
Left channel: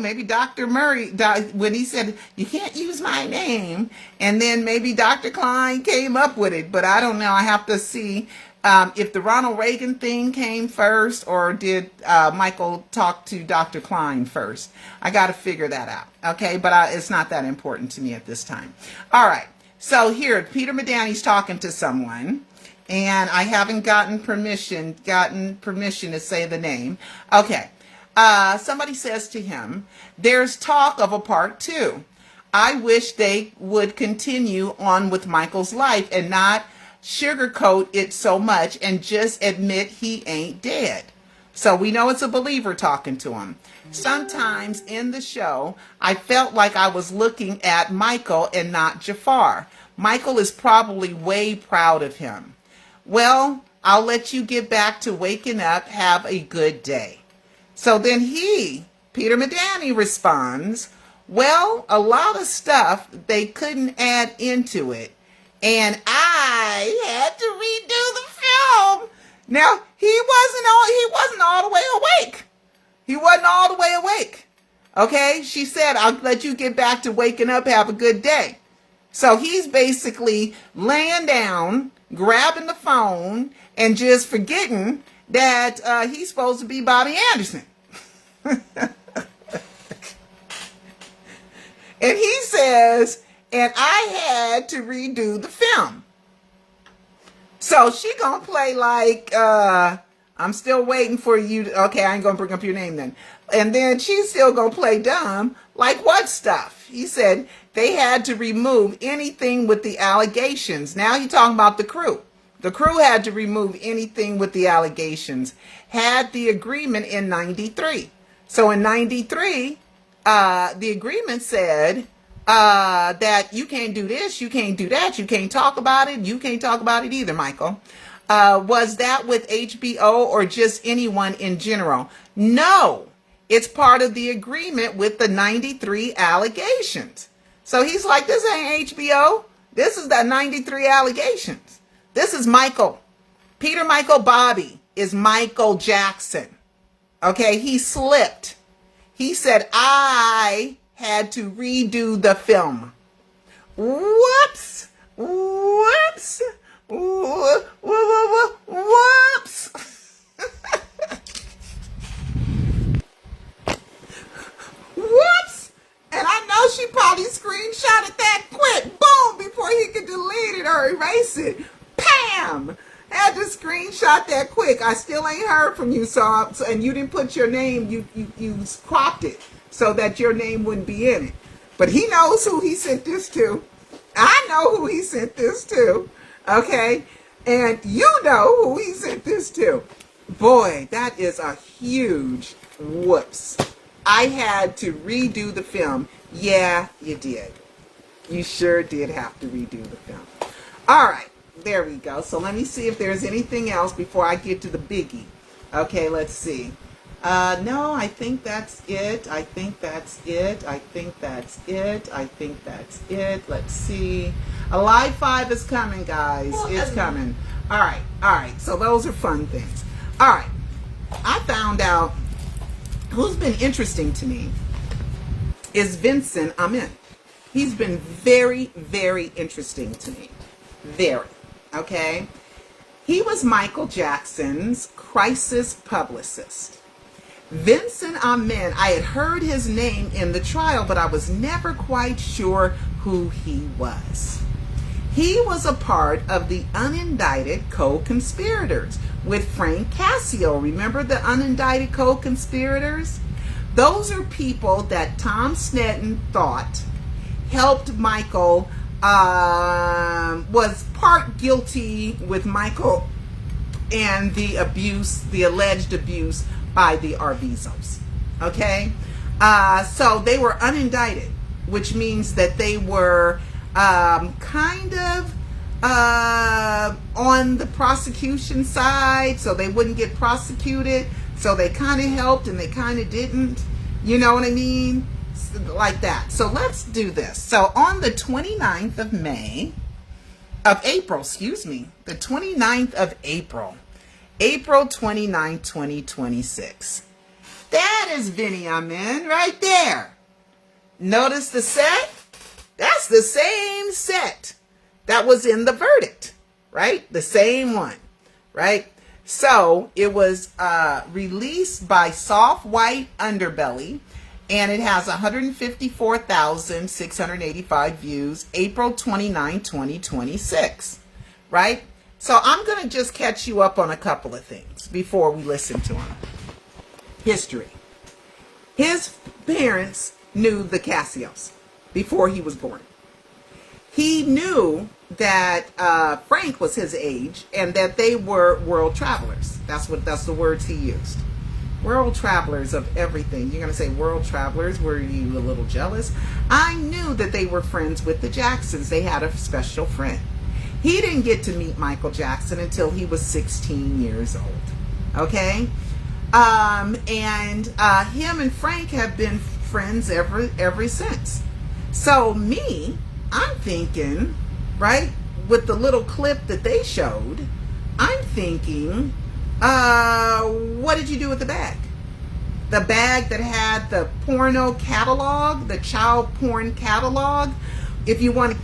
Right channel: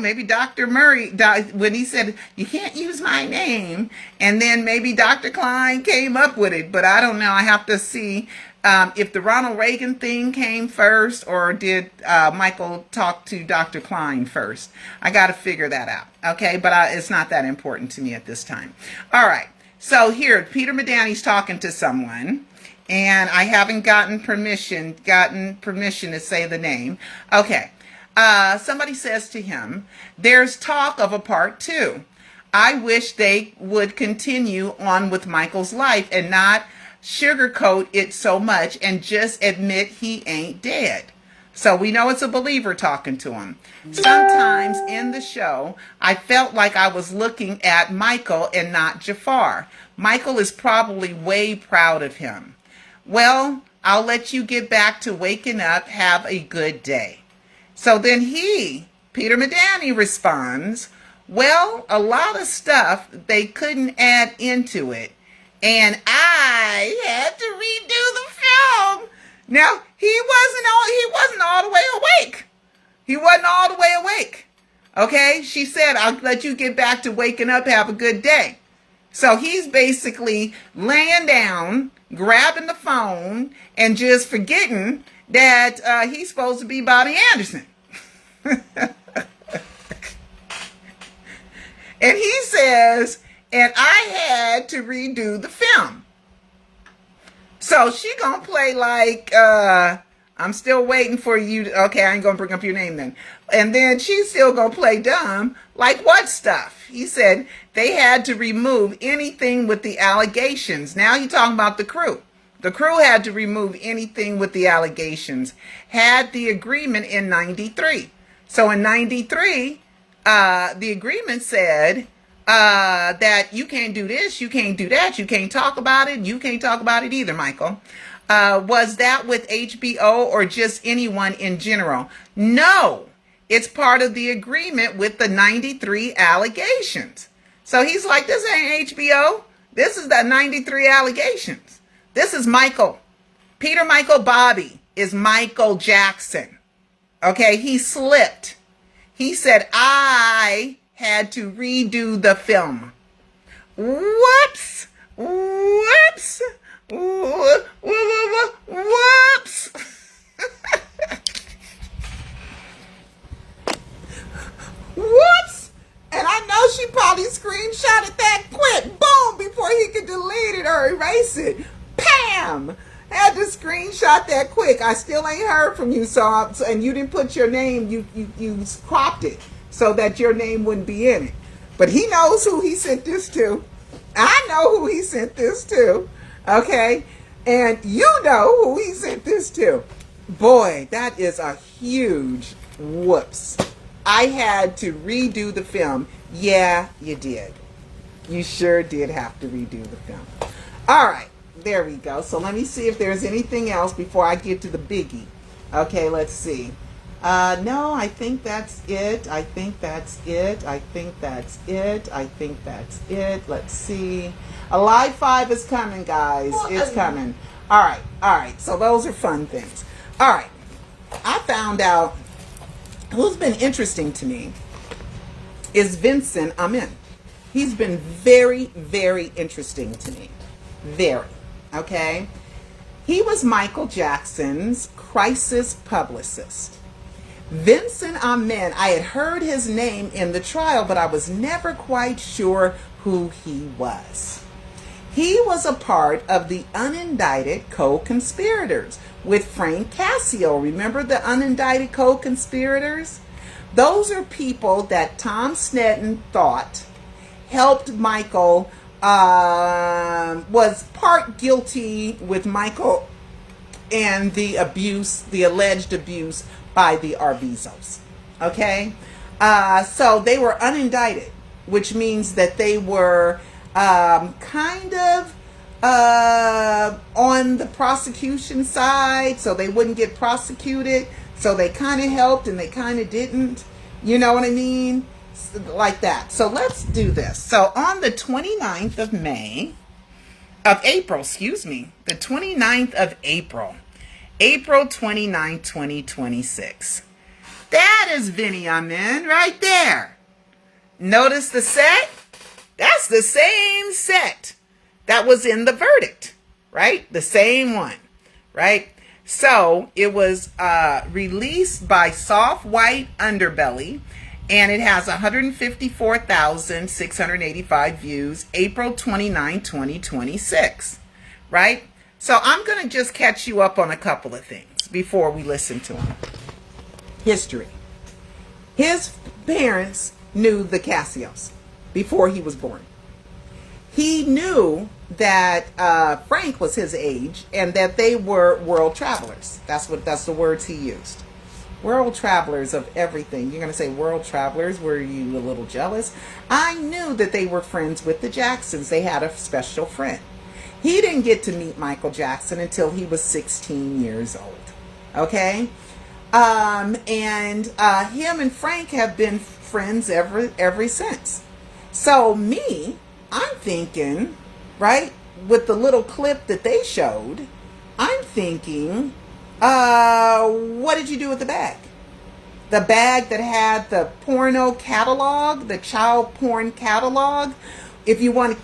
maybe Dr. Murray, when he said, you can't use my name, and then maybe Dr. Klein came up with it, but I don't know. I have to see if the Ronald Reagan thing came first, or did Michael talk to Dr. Klein first. I got to figure that out, okay? But it's not that important to me at this time. All right, so here, Peter Medani's talking to someone, and I haven't gotten permission to say the name. Okay. Somebody says to him, there's talk of a part 2. I wish they would continue on with Michael's life and not sugarcoat it so much and just admit he ain't dead. So we know it's a believer talking to him. Sometimes in the show, I felt like I was looking at Michael and not Jafar. Michael is probably way proud of him. Well, I'll let you get back to waking up. Have a good day. So then Peter Medani responds, well, a lot of stuff they couldn't add into it, and I had to redo the film. Now, he wasn't all the way awake. He wasn't all the way awake. Okay? She said, I'll let you get back to waking up, have a good day. So he's basically laying down, grabbing the phone, and just forgetting that he's supposed to be Bobby Anderson. And he says, and I had to redo the film. So she gonna play like, I'm still waiting for you. Okay, I ain't gonna bring up your name then. And then she's still gonna play dumb. Like what stuff? He said they had to remove anything with the allegations. Now you're talking about the crew. The crew had to remove anything with the allegations. Had the agreement in 93. So in 93, the agreement said that you can't do this, you can't do that, you can't talk about it, you can't talk about it either, Michael. Was that with HBO or just anyone in general? No, it's part of the agreement with the 93 allegations. So he's like, this ain't HBO. This is the 93 allegations. This is Michael. Peter Michael Bobby is Michael Jackson. Okay, he slipped. He said, I had to redo the film. Whoops. Whoops. Whoops. Whoops. And I know she probably screenshotted that quick. Boom, before he could delete it or erase it. Pam. Had to screenshot that quick. I still ain't heard from you, and you didn't put your name. You cropped it so that your name wouldn't be in it. But he knows who he sent this to. I know who he sent this to. Okay, and you know who he sent this to. Boy, that is a huge whoops. I had to redo the film. Yeah, you did. You sure did have to redo the film. All right, there we go. So let me see if there's anything else before I get to the biggie. Okay, let's see. No, I think that's it. I think that's it. I think that's it. I think that's it. Let's see. A live 5 is coming, guys. It's coming. All right, all right. So those are fun things. All right. I found out who's been interesting to me is Vincent Amen. He's been very, very interesting to me. Very. Okay? He was Michael Jackson's crisis publicist. Vincent Amen, I had heard his name in the trial, but I was never quite sure who he was. He was a part of the unindicted co-conspirators with Frank Cascio. Remember the unindicted co-conspirators? Those are people that Tom Sneddon thought helped Michael, was part guilty with Michael and the abuse, the alleged abuse by the Arvizos. Okay? So they were unindicted, which means that they were kind of on the prosecution side, so they wouldn't get prosecuted. So they kind of helped and they kind of didn't. You know what I mean? Like that. So let's do this. So on the 29th of April, the 29th of April, April 29, 2026. That is Vinny Amen right there. Notice the set? That's the same set that was in the verdict, right? The same one, right? So it was released by Soft White Underbelly, and it has 154,685 views, April 29, 2026, right? So I'm going to just catch you up on a couple of things before we listen to him. History. His parents knew the Cassios before he was born. He knew that Frank was his age and that they were world travelers. That's the words he used. World travelers of everything. You're going to say world travelers. Were you a little jealous? I knew that they were friends with the Jacksons. They had a special friend. He didn't get to meet Michael Jackson until he was 16 years old. Okay? And him and Frank have been friends ever since. So I'm thinking, right, with the little clip that they showed, I'm thinking, what did you do with the bag? The bag that had the porno catalog, the child porn catalog. If you want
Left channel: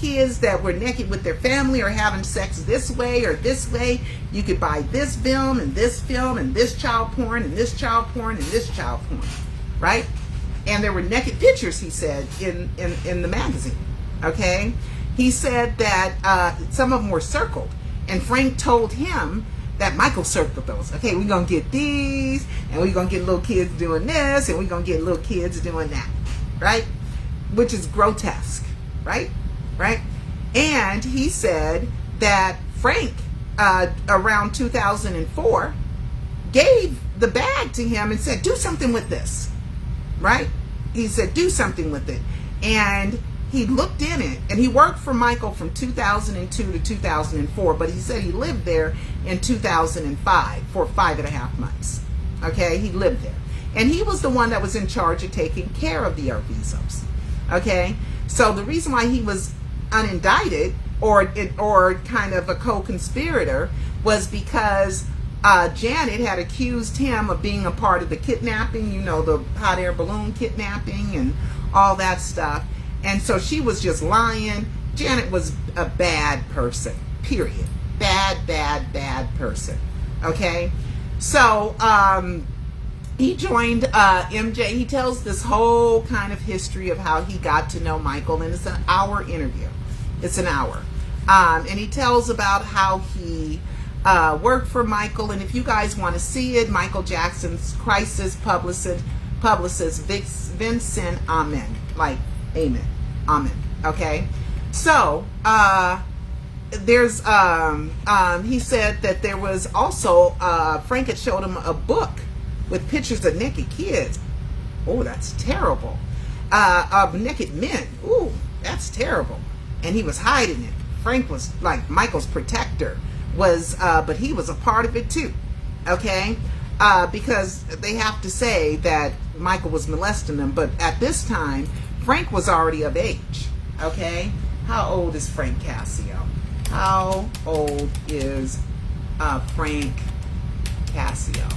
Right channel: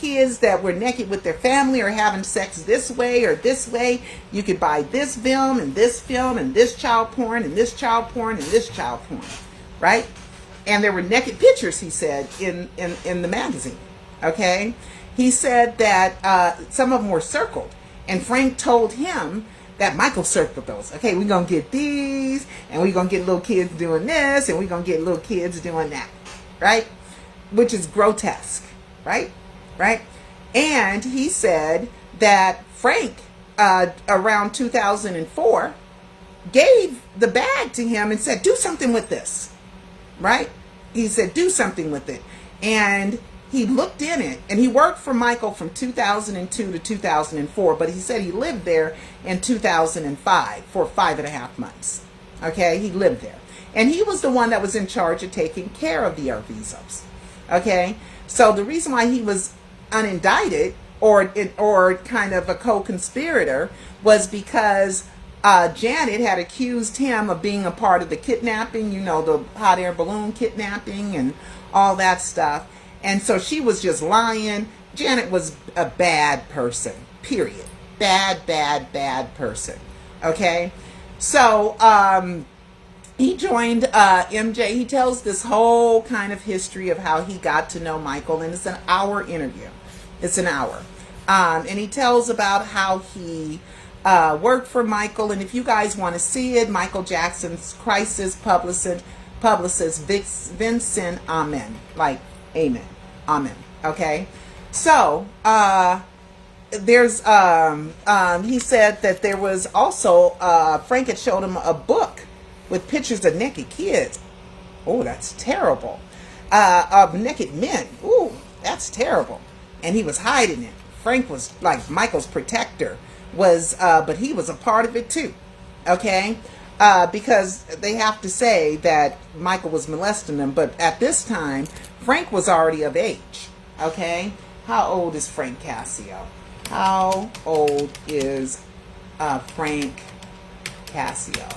kids that were naked with their family or having sex this way or this way, you could buy this film and this film and this child porn and this child porn and this child porn, right? And there were naked pictures, he said, in the magazine, okay? He said that some of them were circled, and Frank told him that Michael circled those. Okay, we're going to get these, and we're going to get little kids doing this, and we're going to get little kids doing that, right? Which is grotesque, right? Right? And he said that Frank, around 2004, gave the bag to him and said, do something with this, right? He said, do something with it. And he looked in it, and he worked for Michael from 2002 to 2004, but he said he lived there in 2005 for 5.5 months. Okay, he lived there. And he was the one that was in charge of taking care of the Arvizos. Okay, so the reason why he was unindicted or kind of a co-conspirator was because Janet had accused him of being a part of the kidnapping, you know, the hot air balloon kidnapping and all that stuff. And so she was just lying. Janet was a bad person, period. Bad person. Okay? So he joined MJ. He tells this whole kind of history of how he got to know Michael, and it's an hour interview. It's an hour. And he tells about how he worked for Michael. And if you guys want to see it, Michael Jackson's crisis publicist Vincent Amen. Like, Amen. Amen. Okay. So, there's, he said that there was also, Frank had showed him a book with pictures of naked kids. Oh, that's terrible. of naked men. Ooh, that's terrible. And he was hiding it. Frank was like Michael's protector, but he was a part of it too. Okay? Because they have to say that Michael was molesting them, but at this time, Frank was already of age. Okay? How old is Frank Cascio? How old is Frank Cascio?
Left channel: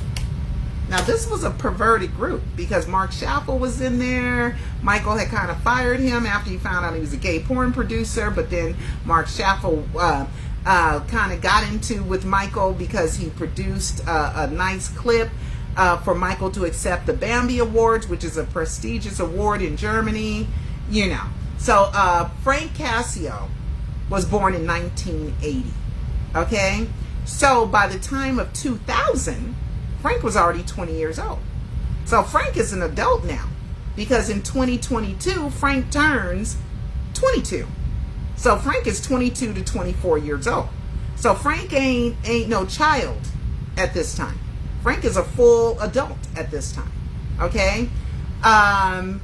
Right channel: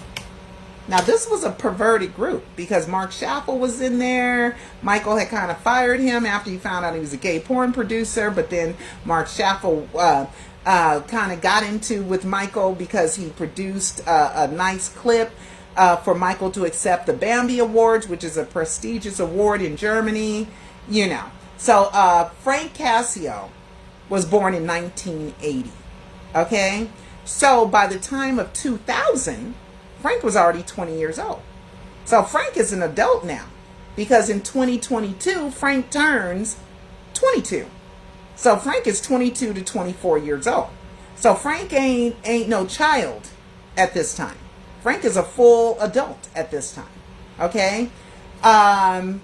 Now, this was a perverted group because Mark Schaffel was in there. Michael had kind of fired him after he found out he was a gay porn producer, but then Mark Schaffel kind of got into with Michael because he produced a nice clip for Michael to accept the Bambi Awards, which is a prestigious award in Germany, you know. So Frank Cascio was born in 1980, okay? So by the time of 2000, Frank was already 20 years old. So Frank is an adult now because in 2022, Frank turns 22. So Frank is 22 to 24 years old. So Frank ain't no child at this time. Frank is a full adult at this time. Okay? And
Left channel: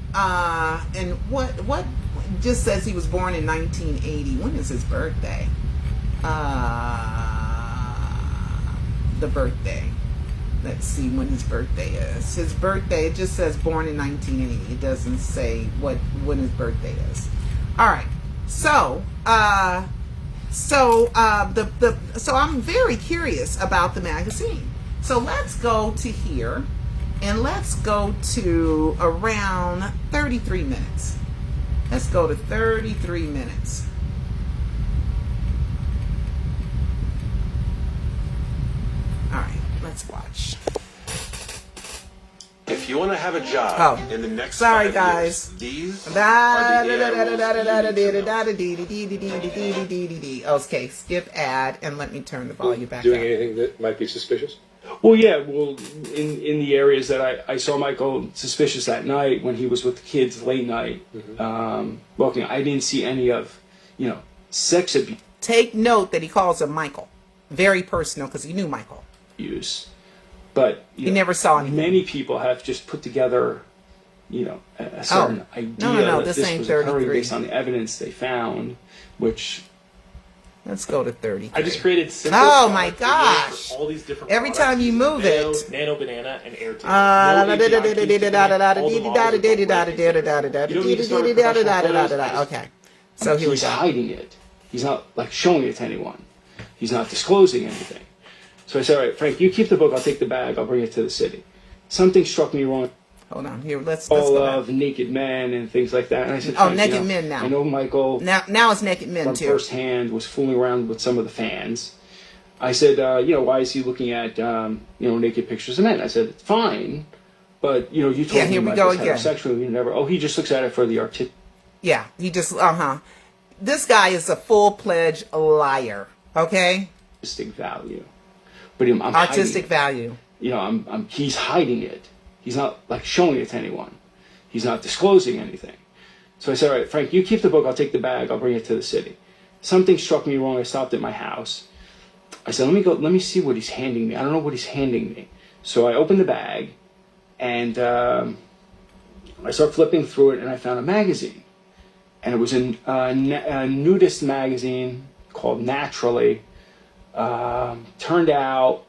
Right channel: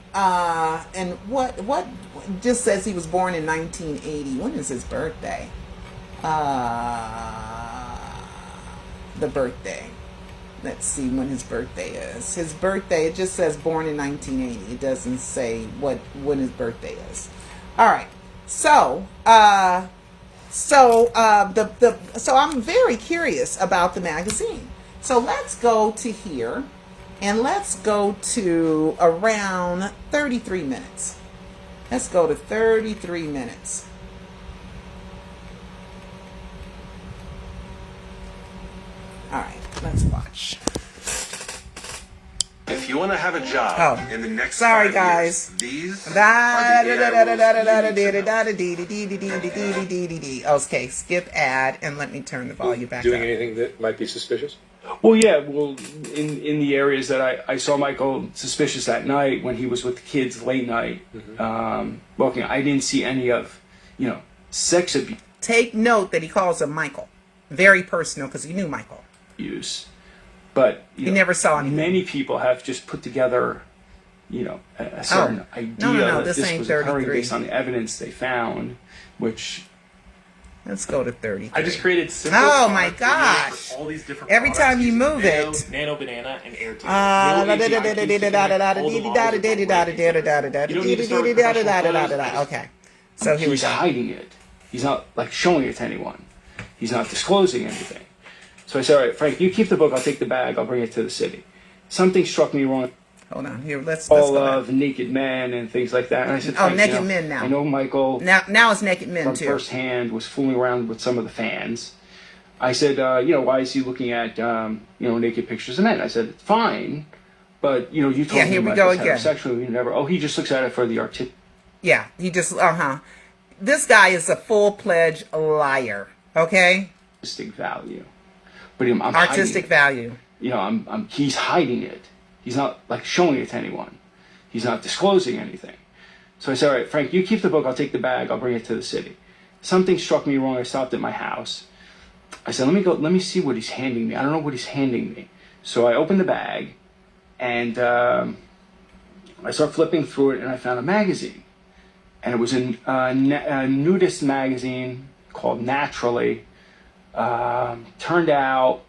what just says he was born in 1980. When is his birthday? The birthday. Let's see when his birthday is. His birthday, it just says born in 1980. It doesn't say when his birthday is. All right. So I'm very curious about the magazine. So let's go to here and let's go to around 33 minutes. Let's go to 33 minutes. All right, let's watch. If you want to have a job in the next 5 guys. years, these are the Okay, skip ad and let me turn the volume back Doing up. anything that might be suspicious? Well, yeah. Well, in the areas that I saw Michael suspicious that night when he was with the kids late night, walking, I didn't see any of, sex abuse. Take note that he calls him Michael. Very personal because he knew Michael. But he never saw anything. Many people have just put together, a certain idea that this was occurring based on the evidence they found, which. Let's go to 30. I just created simple. Oh my gosh! all these different Every time you move it, Nano Banana and Airtable. Okay, so here we he's go. hiding it. He's not showing it to anyone. He's not disclosing anything. So I said, all right, Frank, you keep the book. I'll take the bag. I'll bring it to the city. Something struck me wrong. Hold on, here. Let's all go of naked men and things like that. And I said, oh, Frank, naked men now. I know Michael. Now it's naked men from too. Firsthand was fooling around with some of the fans. I said, why is he looking at naked pictures of men? I said, it's fine, but you told me about this heterosexual. You never. Oh, he just looks at it for the artistic. Yeah, he just This guy is a full-fledged liar. Okay. Artistic value, but I'm artistic value. He's hiding it. He's not showing it to anyone. He's not disclosing anything. So I said, all right, Frank, you keep the book. I'll take the bag. I'll bring it to the city. Something struck me wrong. I stopped at my house. I said, let me see what he's handing me. I don't know what he's handing me. So I opened the bag and I started flipping through it and I found a magazine. And it was a nudist magazine called Naturally. Turned out,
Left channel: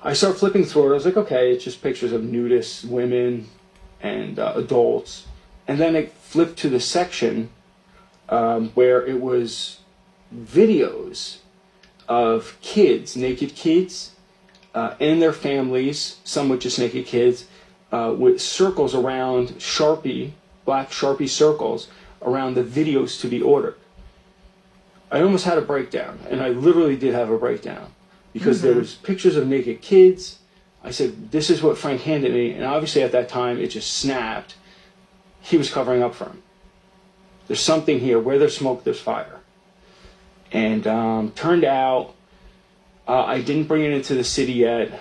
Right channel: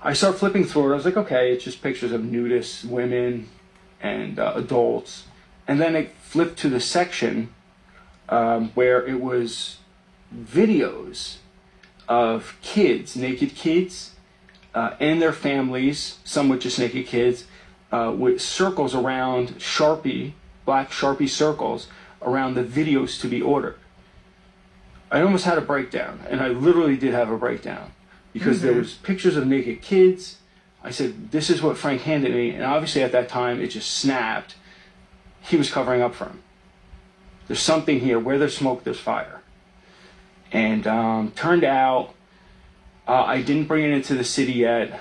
I started flipping through it. I was like, okay, it's just pictures of nudist women and adults. And then it flipped to the section where it was videos of kids, naked kids, and their families, some with just naked kids, with circles around black Sharpie circles around the videos to be ordered. I almost had a breakdown, and I literally did have a breakdown. Because there was pictures of naked kids. I said, this is what Frank handed me. And obviously at that time, it just snapped. He was covering up for him. There's something here. Where there's smoke, there's fire. And turned out, I didn't bring it into the city yet.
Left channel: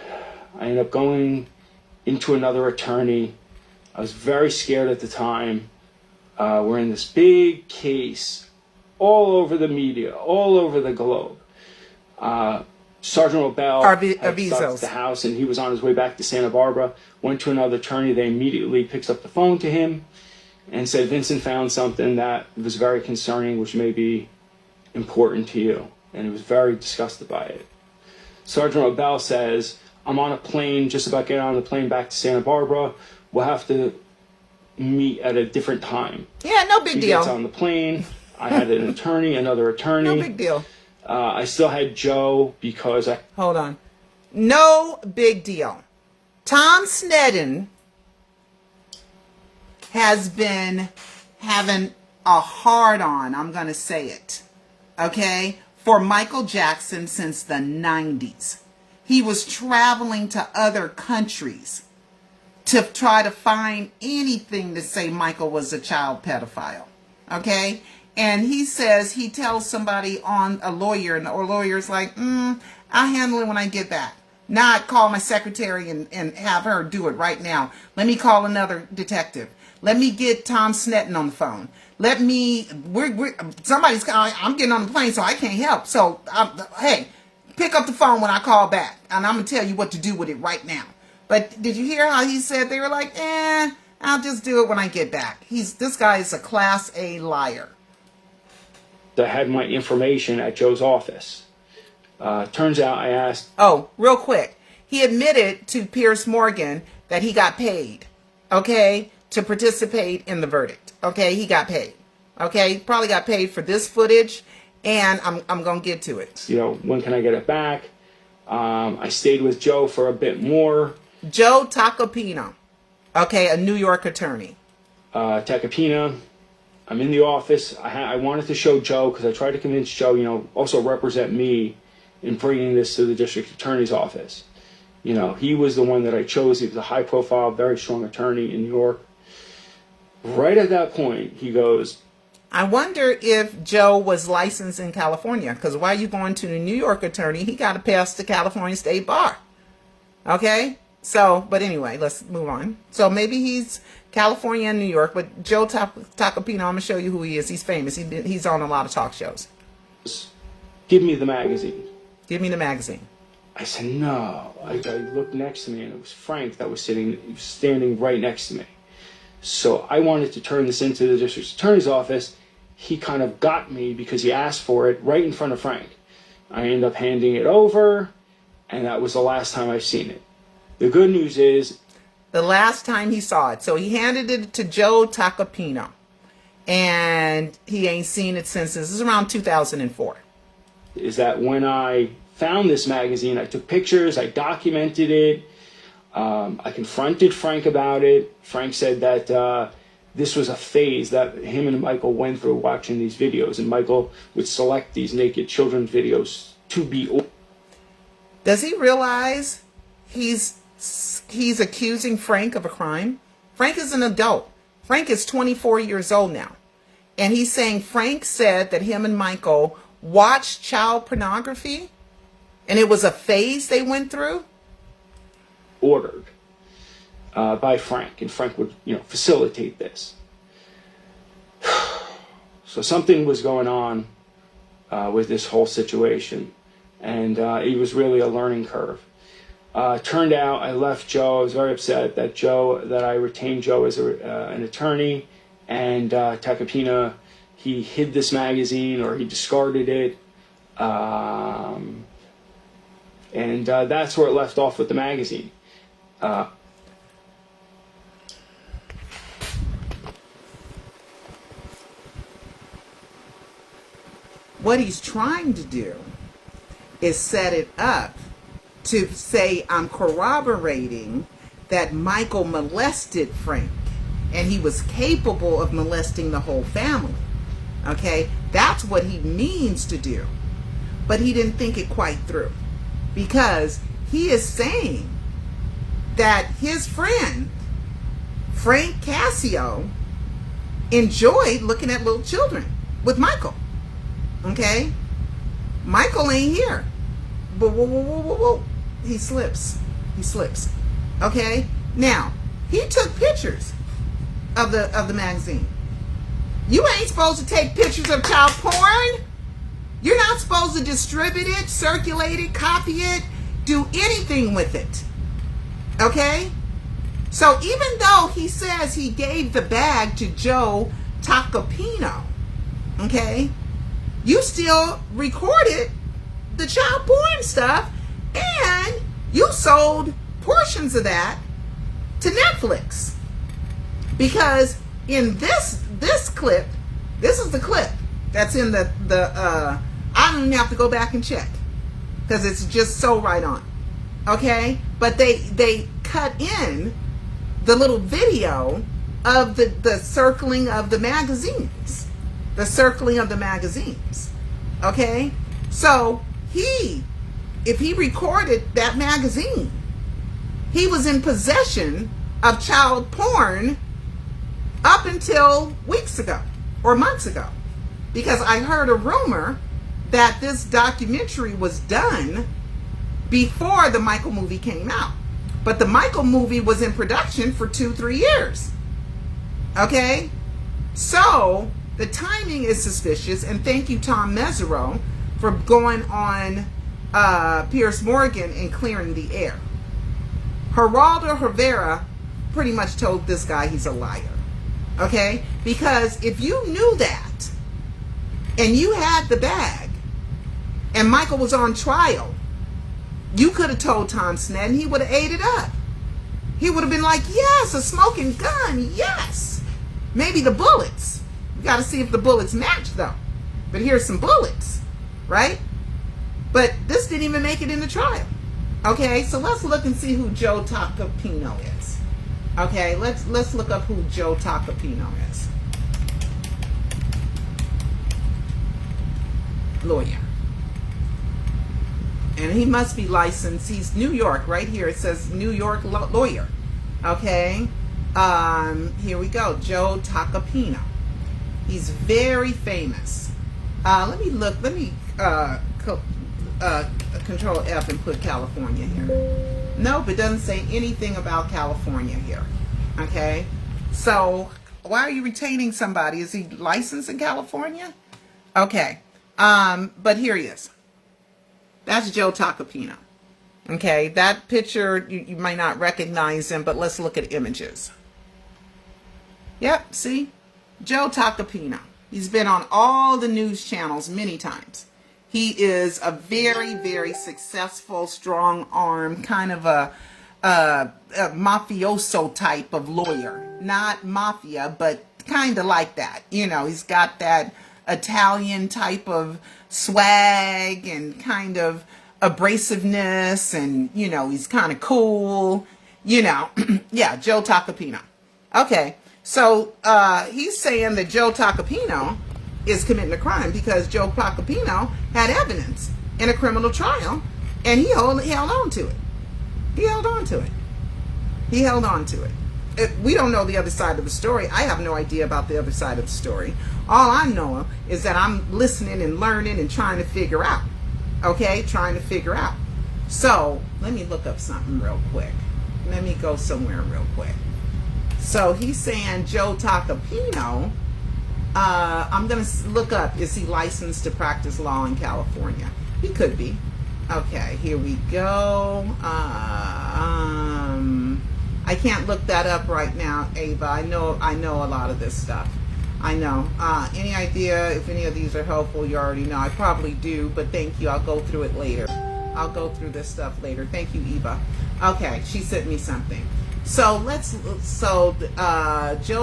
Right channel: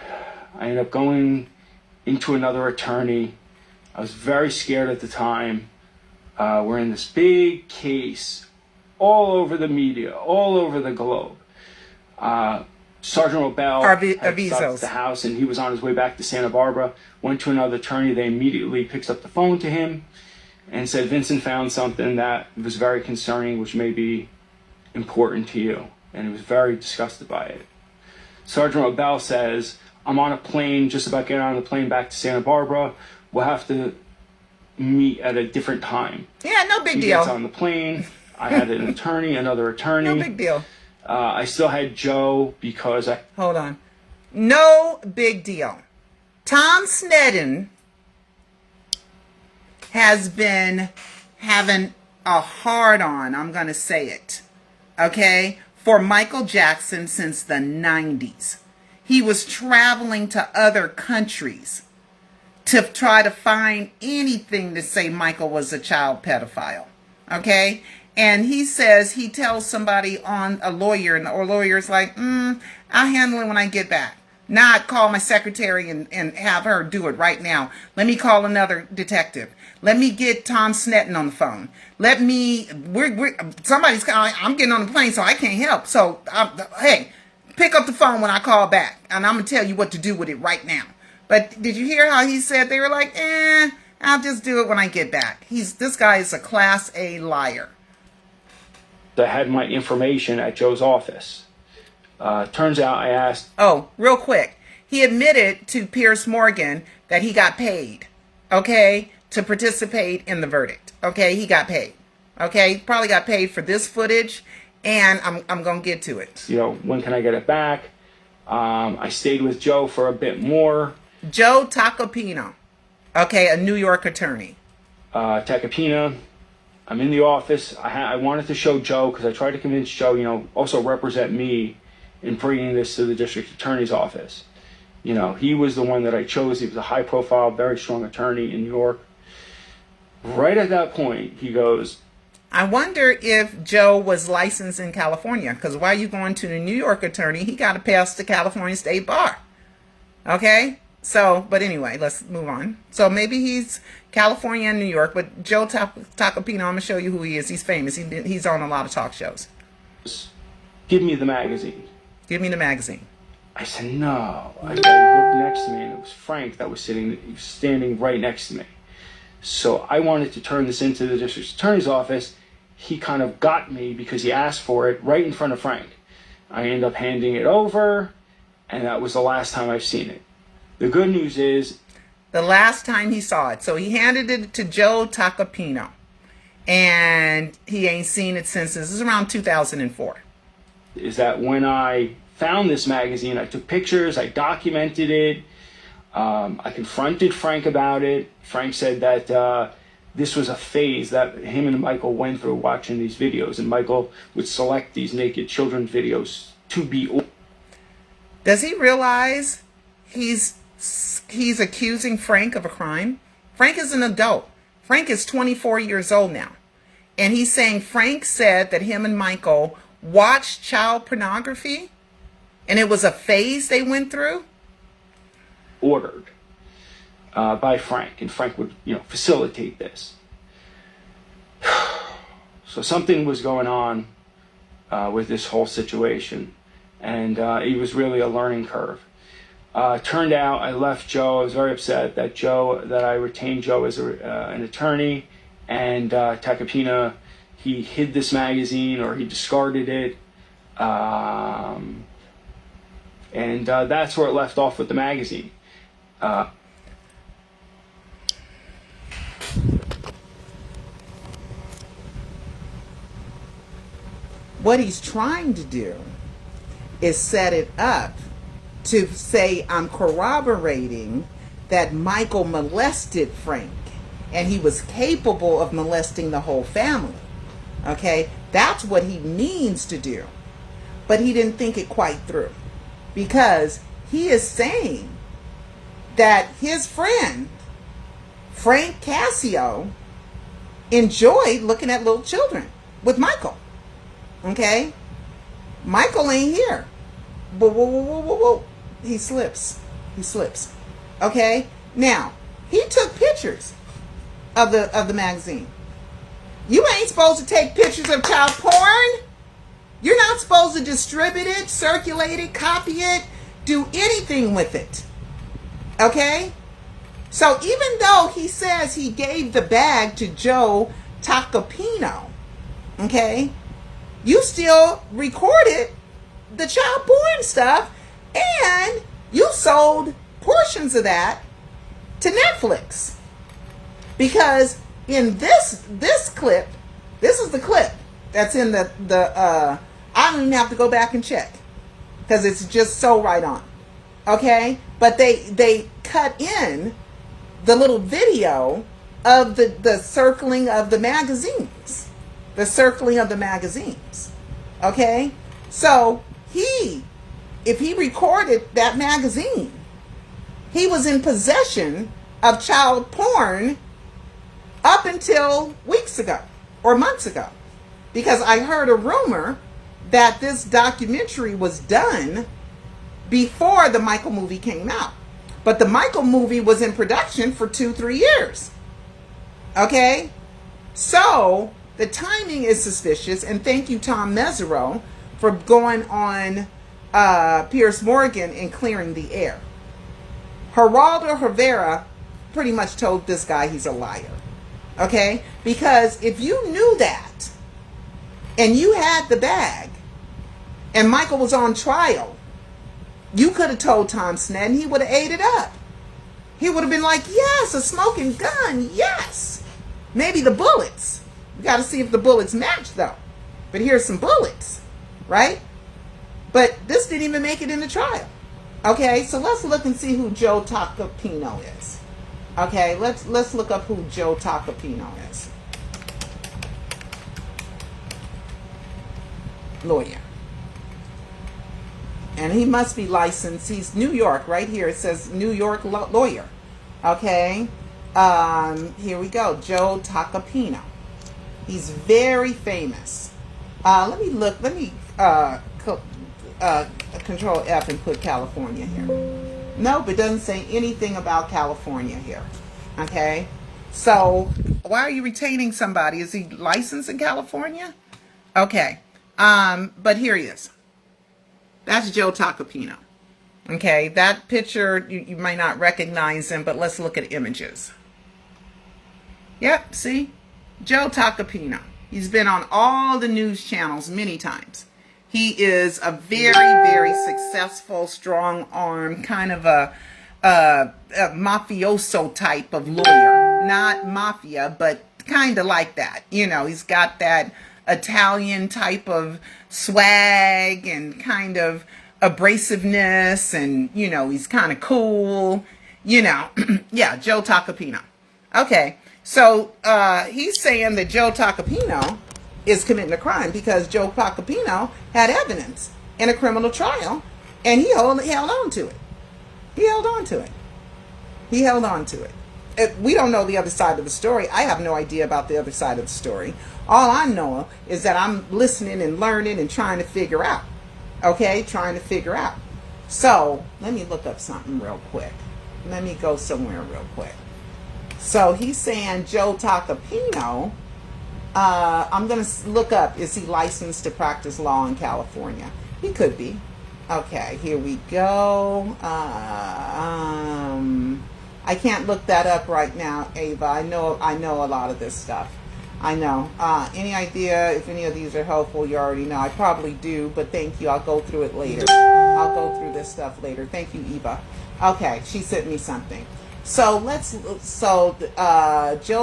I ended up going into another attorney. I was very scared at the time. We're in this big case all over the media, all over the globe. Sergeant Robel had stopped at the house, and he was on his way back to Santa Barbara. Went to another attorney. They immediately picked up the phone to him. and said, Vincent found something that was very concerning, which may be important to you. And he was very disgusted by it. Sergeant Robel says, I'm on a plane, just about getting on the plane back to Santa Barbara. We'll have to meet at a different time. Yeah, no big He deal. gets on the plane. I had an attorney, another attorney. No big deal. I still had Joe because I... Hold on. No big deal. Tom Sneddon has been having a hard-on, I'm going to say it, okay, for Michael Jackson since the 90s. He was traveling to other countries to try to find anything to say Michael was a child pedophile, okay? And he says, he tells somebody on a lawyer, and the lawyer's like, I'll handle it when I get back. Now I'd call my secretary and have her do it right now. Let me call another detective. Let me get Tom Sneddon on the phone. Let me, I'm getting on the plane, so I can't help. So, hey, pick up the phone when I call back, and I'm going to tell you what to do with it right now. But did you hear how he said they were like, I'll just do it when I get back. This guy is a Class A liar. I had my information at Joe's office. Turns out I asked... Oh, real quick. He admitted to Piers Morgan that he got paid, okay, to participate in the verdict. Okay, he got paid. Okay, he probably got paid for this footage, and I'm going to get to it. You know, when can I get it back? I stayed with Joe for a bit more. Joe Tacopina, okay, a New York attorney. Tacopina, I'm in the office. I wanted to show Joe because I tried to convince Joe, you know, also represent me in bringing this to the district attorney's office. You know, he was the one that I chose. He was a high-profile, very strong attorney in New York. Right at that point, he goes... I wonder if Joe was licensed in California, because why are you going to the New York attorney? He got to pass the California State Bar. Okay? So, but anyway, let's move on. So maybe he's California and New York, but Joe Tacopina, I'm going to show you who he is. He's famous. He's on a lot of talk shows. Give me the magazine. Give me the magazine. I said, no. I looked next to me, and it was Frank that was standing right next to me. So I wanted to turn this into the district attorney's office. He kind of got me because he asked for it right in front of Frank. I ended up handing it over, and that was the last time I've seen it. The good news is... The last time he saw it. So he handed it to Joe Tacopina, and he ain't seen it since. This is around 2004. Is that when I found this magazine, I took pictures, I documented it, I confronted Frank about it. Frank said that this was a phase that him and Michael went through watching these videos, and Michael would select these naked children videos to be... Does he realize he's accusing Frank of a crime? Frank is an adult. Frank is 24 years old now. And he's saying Frank said that him and Michael watched child pornography, and it was a phase they went through? Ordered by Frank, and Frank would, you know, facilitate this. So something was going on with this whole situation, and it was really a learning curve. Turned out I left Joe. I was very upset that I retained Joe as an attorney, and Tacopina, he hid this magazine, or he discarded it, and that's where it left off with the magazine. What he's trying to do is set it up to say, I'm corroborating that Michael molested Frank, and he was capable of molesting the whole family. Okay? That's what he means to do. But he didn't think it quite through, because he is saying that his friend, Frank Cascio, enjoyed looking at little children with Michael. Okay? Michael ain't here. Whoa, whoa, whoa, whoa, whoa, whoa. He slips. He slips. Okay? Now, he took pictures of the magazine. You ain't supposed to take pictures of child porn. You're not supposed to distribute it, circulate it, copy it, do anything with it. Okay? So even though he says he gave the bag to Joe Tacopino, okay, you still recorded the child porn stuff, and you sold portions of that to Netflix. Because in this clip, this is the clip that's in the I don't even have to go back and check because it's just so right on. Okay? But they cut in the little video of the circling of the magazines. The circling of the magazines. Okay? So if he recorded that magazine, he was in possession of child porn up until weeks ago or months ago. Because I heard a rumor that this documentary was done before the Michael movie came out. But the Michael movie was in production for 2-3 years. Okay? So the timing is suspicious, and thank you, Tom Mesereau, for going on Piers Morgan and clearing the air. Geraldo Rivera pretty much told this guy he's a liar. Okay? Because if you knew that, and you had the bag, and Michael was on trial, you could have told Tom Sned, and he would have ate it up. He would have been like, yes, a smoking gun, yes. Maybe the bullets. You got to see if the bullets match, though. But here's some bullets, right? But this didn't even make it in the trial. Okay, so let's look and see who Joe Tacopino is. Okay, let's look up who Joe Tacopino is. Lawyer. And he must be licensed. He's New York, right here. It says New York lawyer. Okay. Here we go. Joe Tacopino. He's very famous. Let me look. Let me Control F and put California here. Nope, it doesn't say anything about California here. Okay. So why are you retaining somebody? Is he licensed in California? Okay. But here he is. That's Joe Tacopino. Okay, that picture, you might not recognize him, but let's look at images. Yep, see? Joe Tacopino. He's been on all the news channels many times. He is a very, very successful, strong-armed, kind of a mafioso type of lawyer. Not mafia, but kind of like that. You know, he's got that Italian type of swag and kind of abrasiveness, and you know, he's kind of cool, you know. Yeah, Joe Tacopino. Okay, so he's saying that Joe Tacopino is committing a crime because Joe Tacopino had evidence in a criminal trial, and he held on to it. He held on to it. He held on to it. We don't know the other side of the story. I have no idea about the other side of the story. All I know is that I'm listening and learning and trying to figure out. Okay? Trying to figure out. So, let me look up something real quick. Let me go somewhere real quick. So, he's saying Joe Tacopino, I'm going to look up, is he licensed to practice law in California? He could be. Okay, here we go. I can't look that up right now, Ava. I know a lot of this stuff. I know. Any idea if any of these are helpful? You already know. I probably do, but thank you. I'll go through it later. I'll go through this stuff later. Thank you, Eva. Okay, she sent me something. So Joe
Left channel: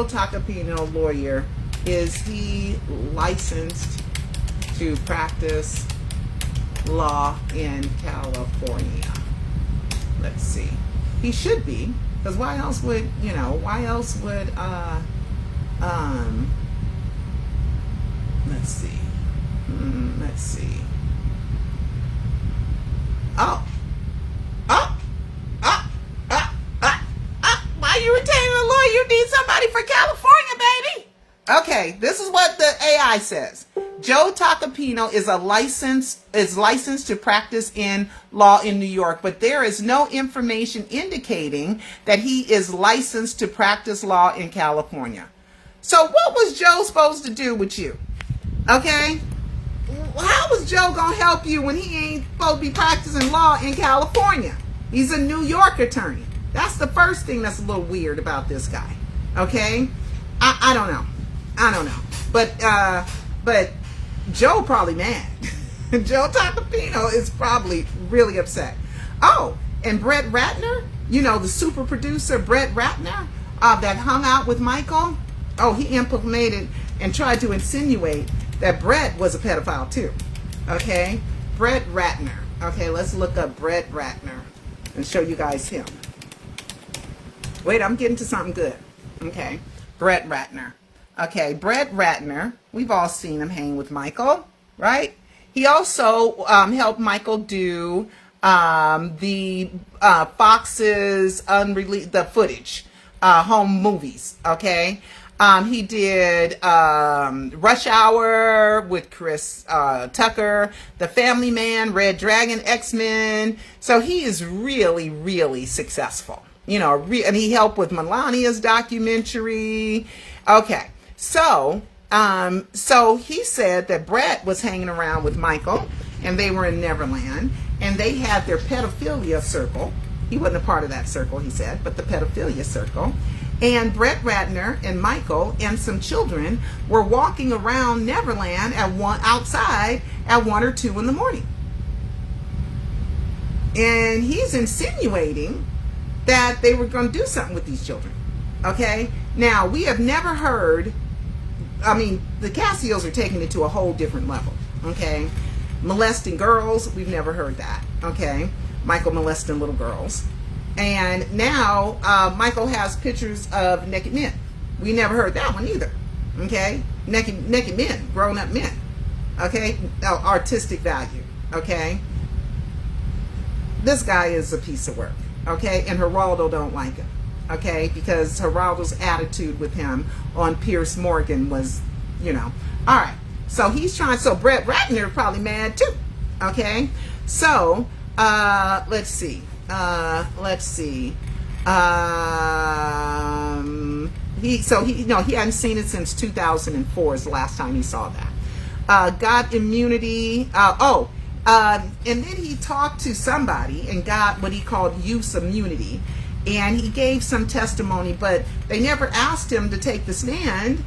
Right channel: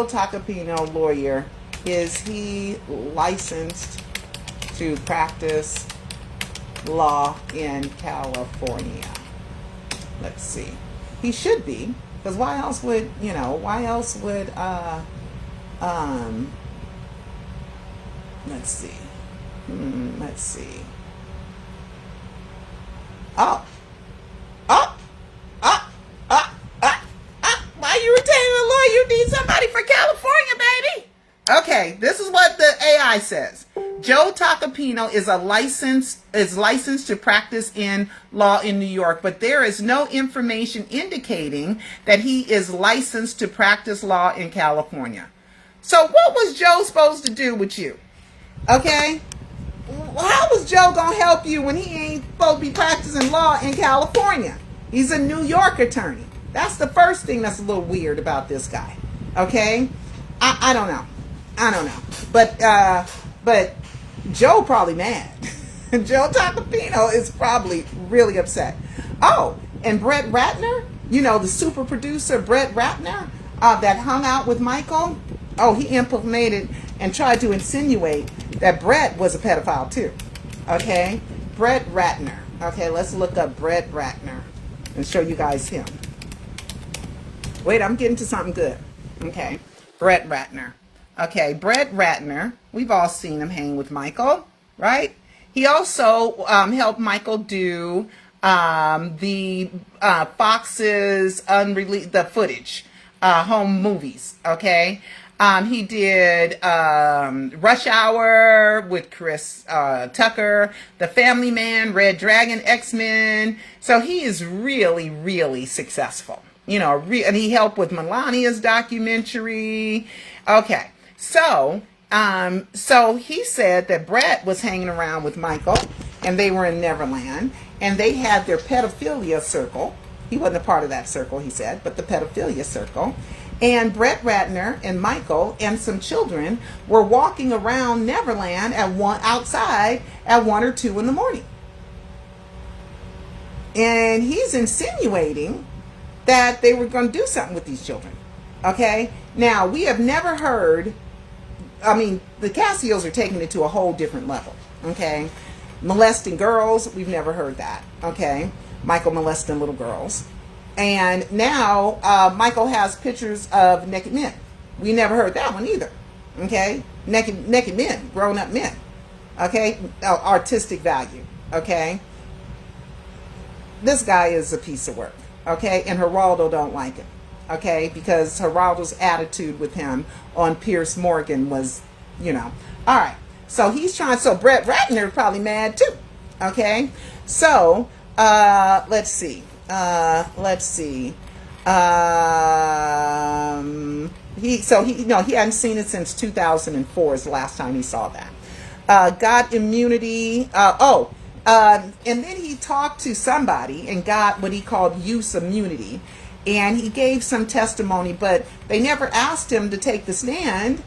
Tacopino, lawyer, is he licensed to practice law in California? Let's see. He should be, because why else would let's see. Let's see. Why are you retaining a lawyer? You need somebody for California, baby. Okay, this is what the AI says. Joe Tacopino is licensed to practice in law in New York, but there is no information indicating that he is licensed to practice law in California. So what was Joe supposed to do with you? Okay? How was Joe going to help you when he ain't supposed to be practicing law in California? He's a New York attorney. That's the first thing that's a little weird about this guy. Okay? I don't know. I don't know. But Joe probably mad. Joe Tacopino is probably really upset. Oh, and Brett Ratner, you know, the super producer Brett Ratner that hung out with Michael. Oh, he implicated and tried to insinuate that Brett was a pedophile too. Okay? Brett Ratner. Okay, let's look up Brett Ratner and show you guys him. Wait, I'm getting to something good. Okay, Brett Ratner. Okay, Brett Ratner, we've all seen him hang with Michael, right? He also helped Michael do the Fox's unreleased, the footage, home movies, okay? He did Rush Hour with Chris Tucker, The Family Man, Red Dragon, X-Men. So he is really, really successful. You know, and he helped with Melania's documentary. Okay, so he said that Brett was hanging around with Michael, and they were in Neverland, and they had their pedophilia circle. He wasn't a part of that circle, he said, but the pedophilia circle. And Brett Ratner and Michael and some children were walking around Neverland outside at 1 or 2 in the morning. And he's insinuating that they were going to do something with these children. Okay? Now, we have never heard, I mean, the Cassios are taking it to a whole different level. Okay? Molesting girls, we've never heard that. Okay? Michael molesting little girls. And now Michael has pictures of naked men. We never heard that one either. Okay? Naked men, grown-up men. Okay? Artistic value. Okay? This guy is a piece of work. Okay, and Geraldo don't like him, okay, because Geraldo's attitude with him on Pierce Morgan was, you know, all right. So he's trying. So Brett Ratner is probably mad too. Okay, so let's see. He hadn't seen it since 2004 is the last time he saw that. Got immunity. And then he talked to somebody and got what he called use immunity. And he gave some testimony, but they never asked him to take the stand.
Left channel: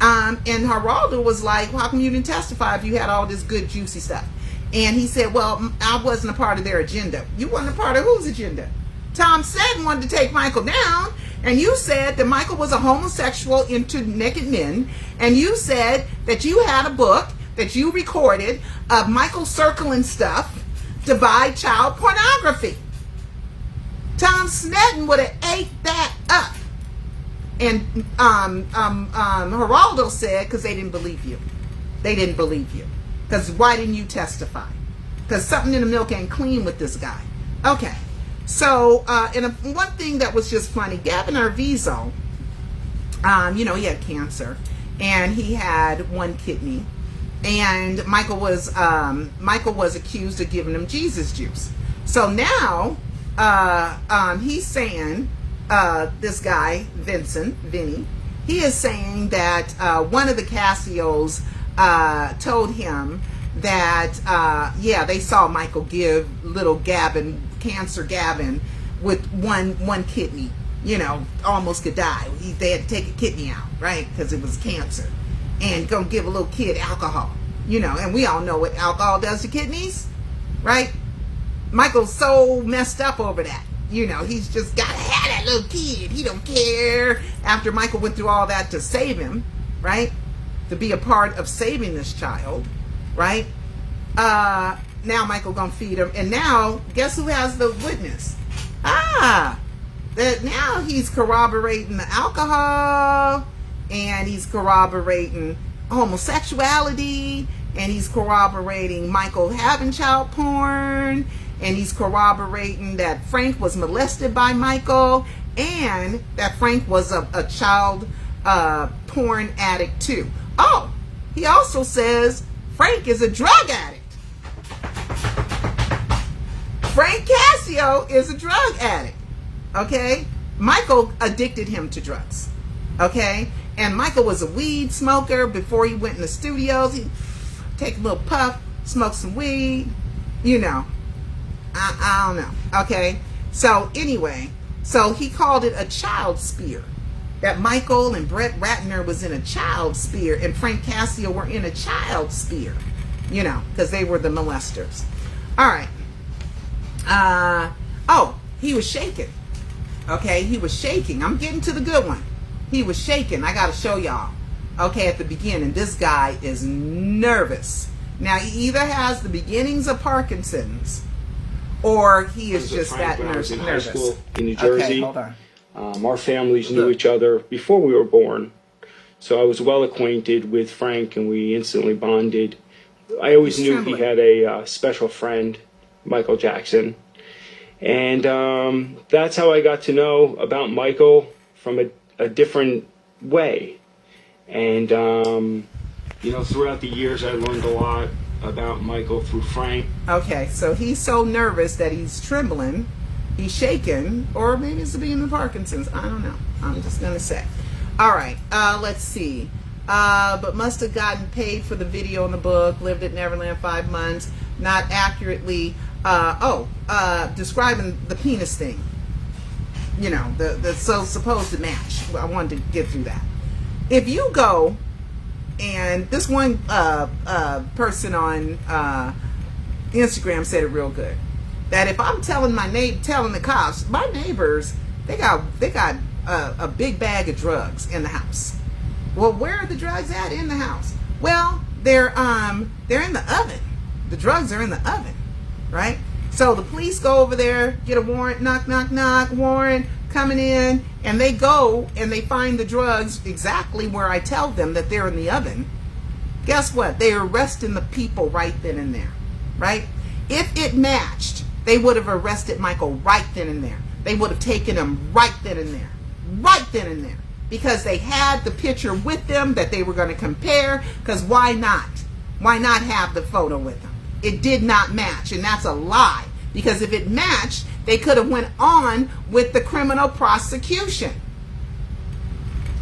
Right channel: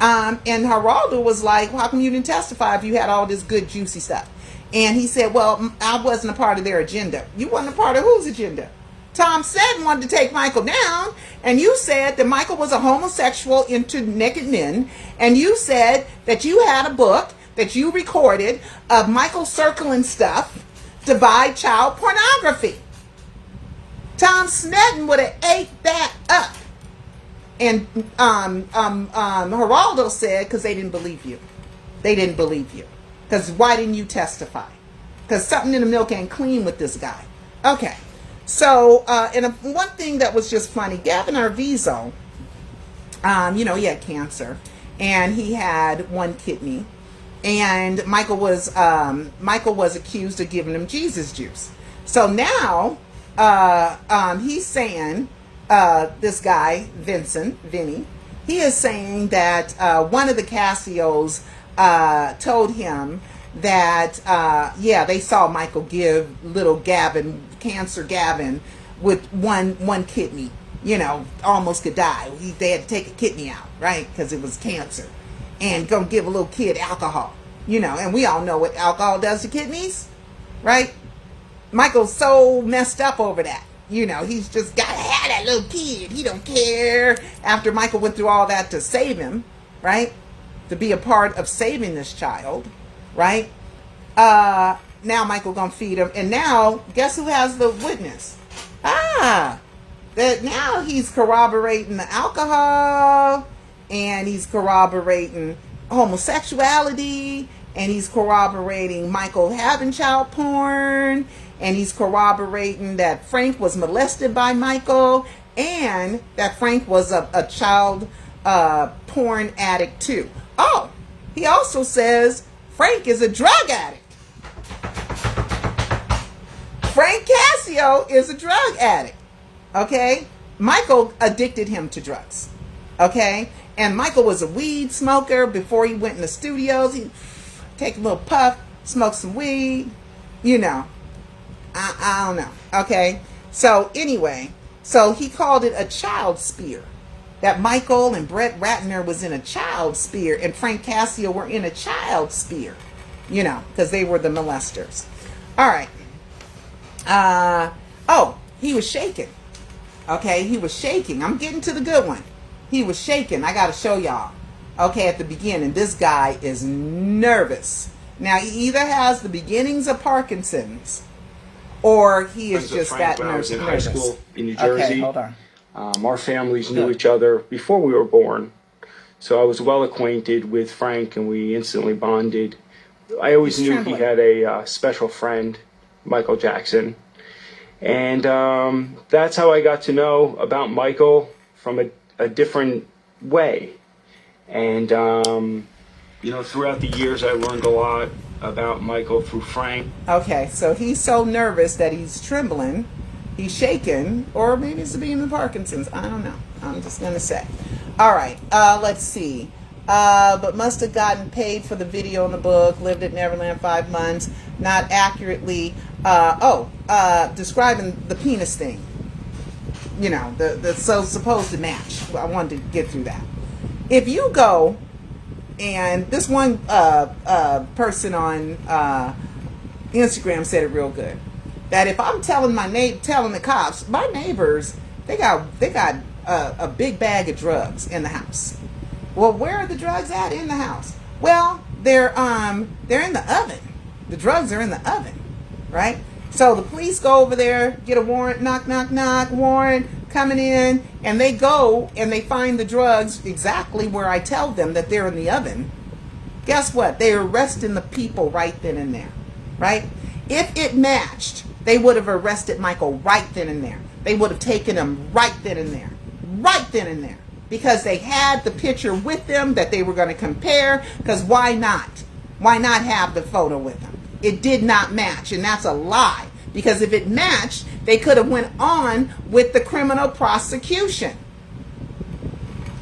And Geraldo was like, how come you didn't testify if you had all this good, juicy stuff? And he said, well, I wasn't a part of their agenda. You wasn't a part of whose agenda? Tom Seddon wanted to take Michael down. And you said that Michael was a homosexual into naked men. And you said that you had a book that you recorded of Michael circling stuff to buy child pornography. Tom Seddon would have ate that up. And Geraldo said, because they didn't believe you. They didn't believe you. Because why didn't you testify? Because something in the milk ain't clean with this guy. Okay. So, one thing that was just funny, Gavin Arvizo, he had cancer. And he had one kidney. And Michael was accused of giving him Jesus juice. So now he's saying, this guy, Vinny, he is saying that one of the Cassios told him that, they saw Michael give little Gavin, cancer Gavin, with one kidney, almost could die. They had to take a kidney out, right? Because it was cancer. And go give a little kid alcohol, and we all know what alcohol does to kidneys, right? Michael's so messed up over that. He's just got to have that little kid. He don't care. After Michael went through all that to save him, right? To be a part of saving this child, right? Now Michael gonna feed him. And now, guess who has the witness? That now he's corroborating the alcohol, and he's corroborating homosexuality, and he's corroborating Michael having child porn, and he's corroborating that Frank was molested by Michael, and that Frank was a child porn addict too. Oh, he also says Frank is a drug addict. Frank Cascio is a drug addict. Okay? Michael addicted him to drugs. Okay? And Michael was a weed smoker before he went in the studios. He'd take a little puff, smoke some weed, I don't know. Okay? So anyway, So he called it a child spear. That Michael and Brett Ratner was in a child spear, and Frank Cascio were in a child spear, you know, because they were the molesters. All right. Oh, he was shaking. Okay, he was shaking. I'm getting to the good one. He was shaking. I got to show y'all. Okay, at the beginning, this guy is nervous. Now, he either has the beginnings of Parkinson's, or he is just that nervous. I was in high school in New Jersey. Okay, hold on. Our families knew each other before we were born. So I was well acquainted with Frank, and we instantly bonded. I always knew he had a special friend, Michael Jackson. And that's how I got to know about Michael from a different way. And, you know, throughout the years, I learned a lot about Michael through Frank. Okay, so he's so nervous that he's trembling. He's shaking, or maybe it's the beginning of Parkinson's. I don't know. I'm just going to say. All right, let's see. But must have gotten paid for the video in the book, lived at Neverland 5 months, not accurately, describing the penis thing. You know, the so supposed to match. I wanted to get through that. If you go, and this one person on Instagram said it real good, that if I'm telling telling the cops, my neighbors, they got a big bag of drugs in the house. Well, where are the drugs at in the house? Well, they're in the oven. The drugs are in the oven, right? So the police go over there, get a warrant, knock, knock, knock, warrant coming in, and they go and they find the drugs exactly where I tell them that they're in the oven. Guess what? They're arresting the people right then and there, right? If it matched, they would have arrested Michael right then and there. They would have taken him right then and there. Right then and there. Because they had the picture with them that they were going to compare. Because why not? Why not have the photo with them? It did not match. And that's a lie. Because if it matched, they could have went on with the criminal prosecution.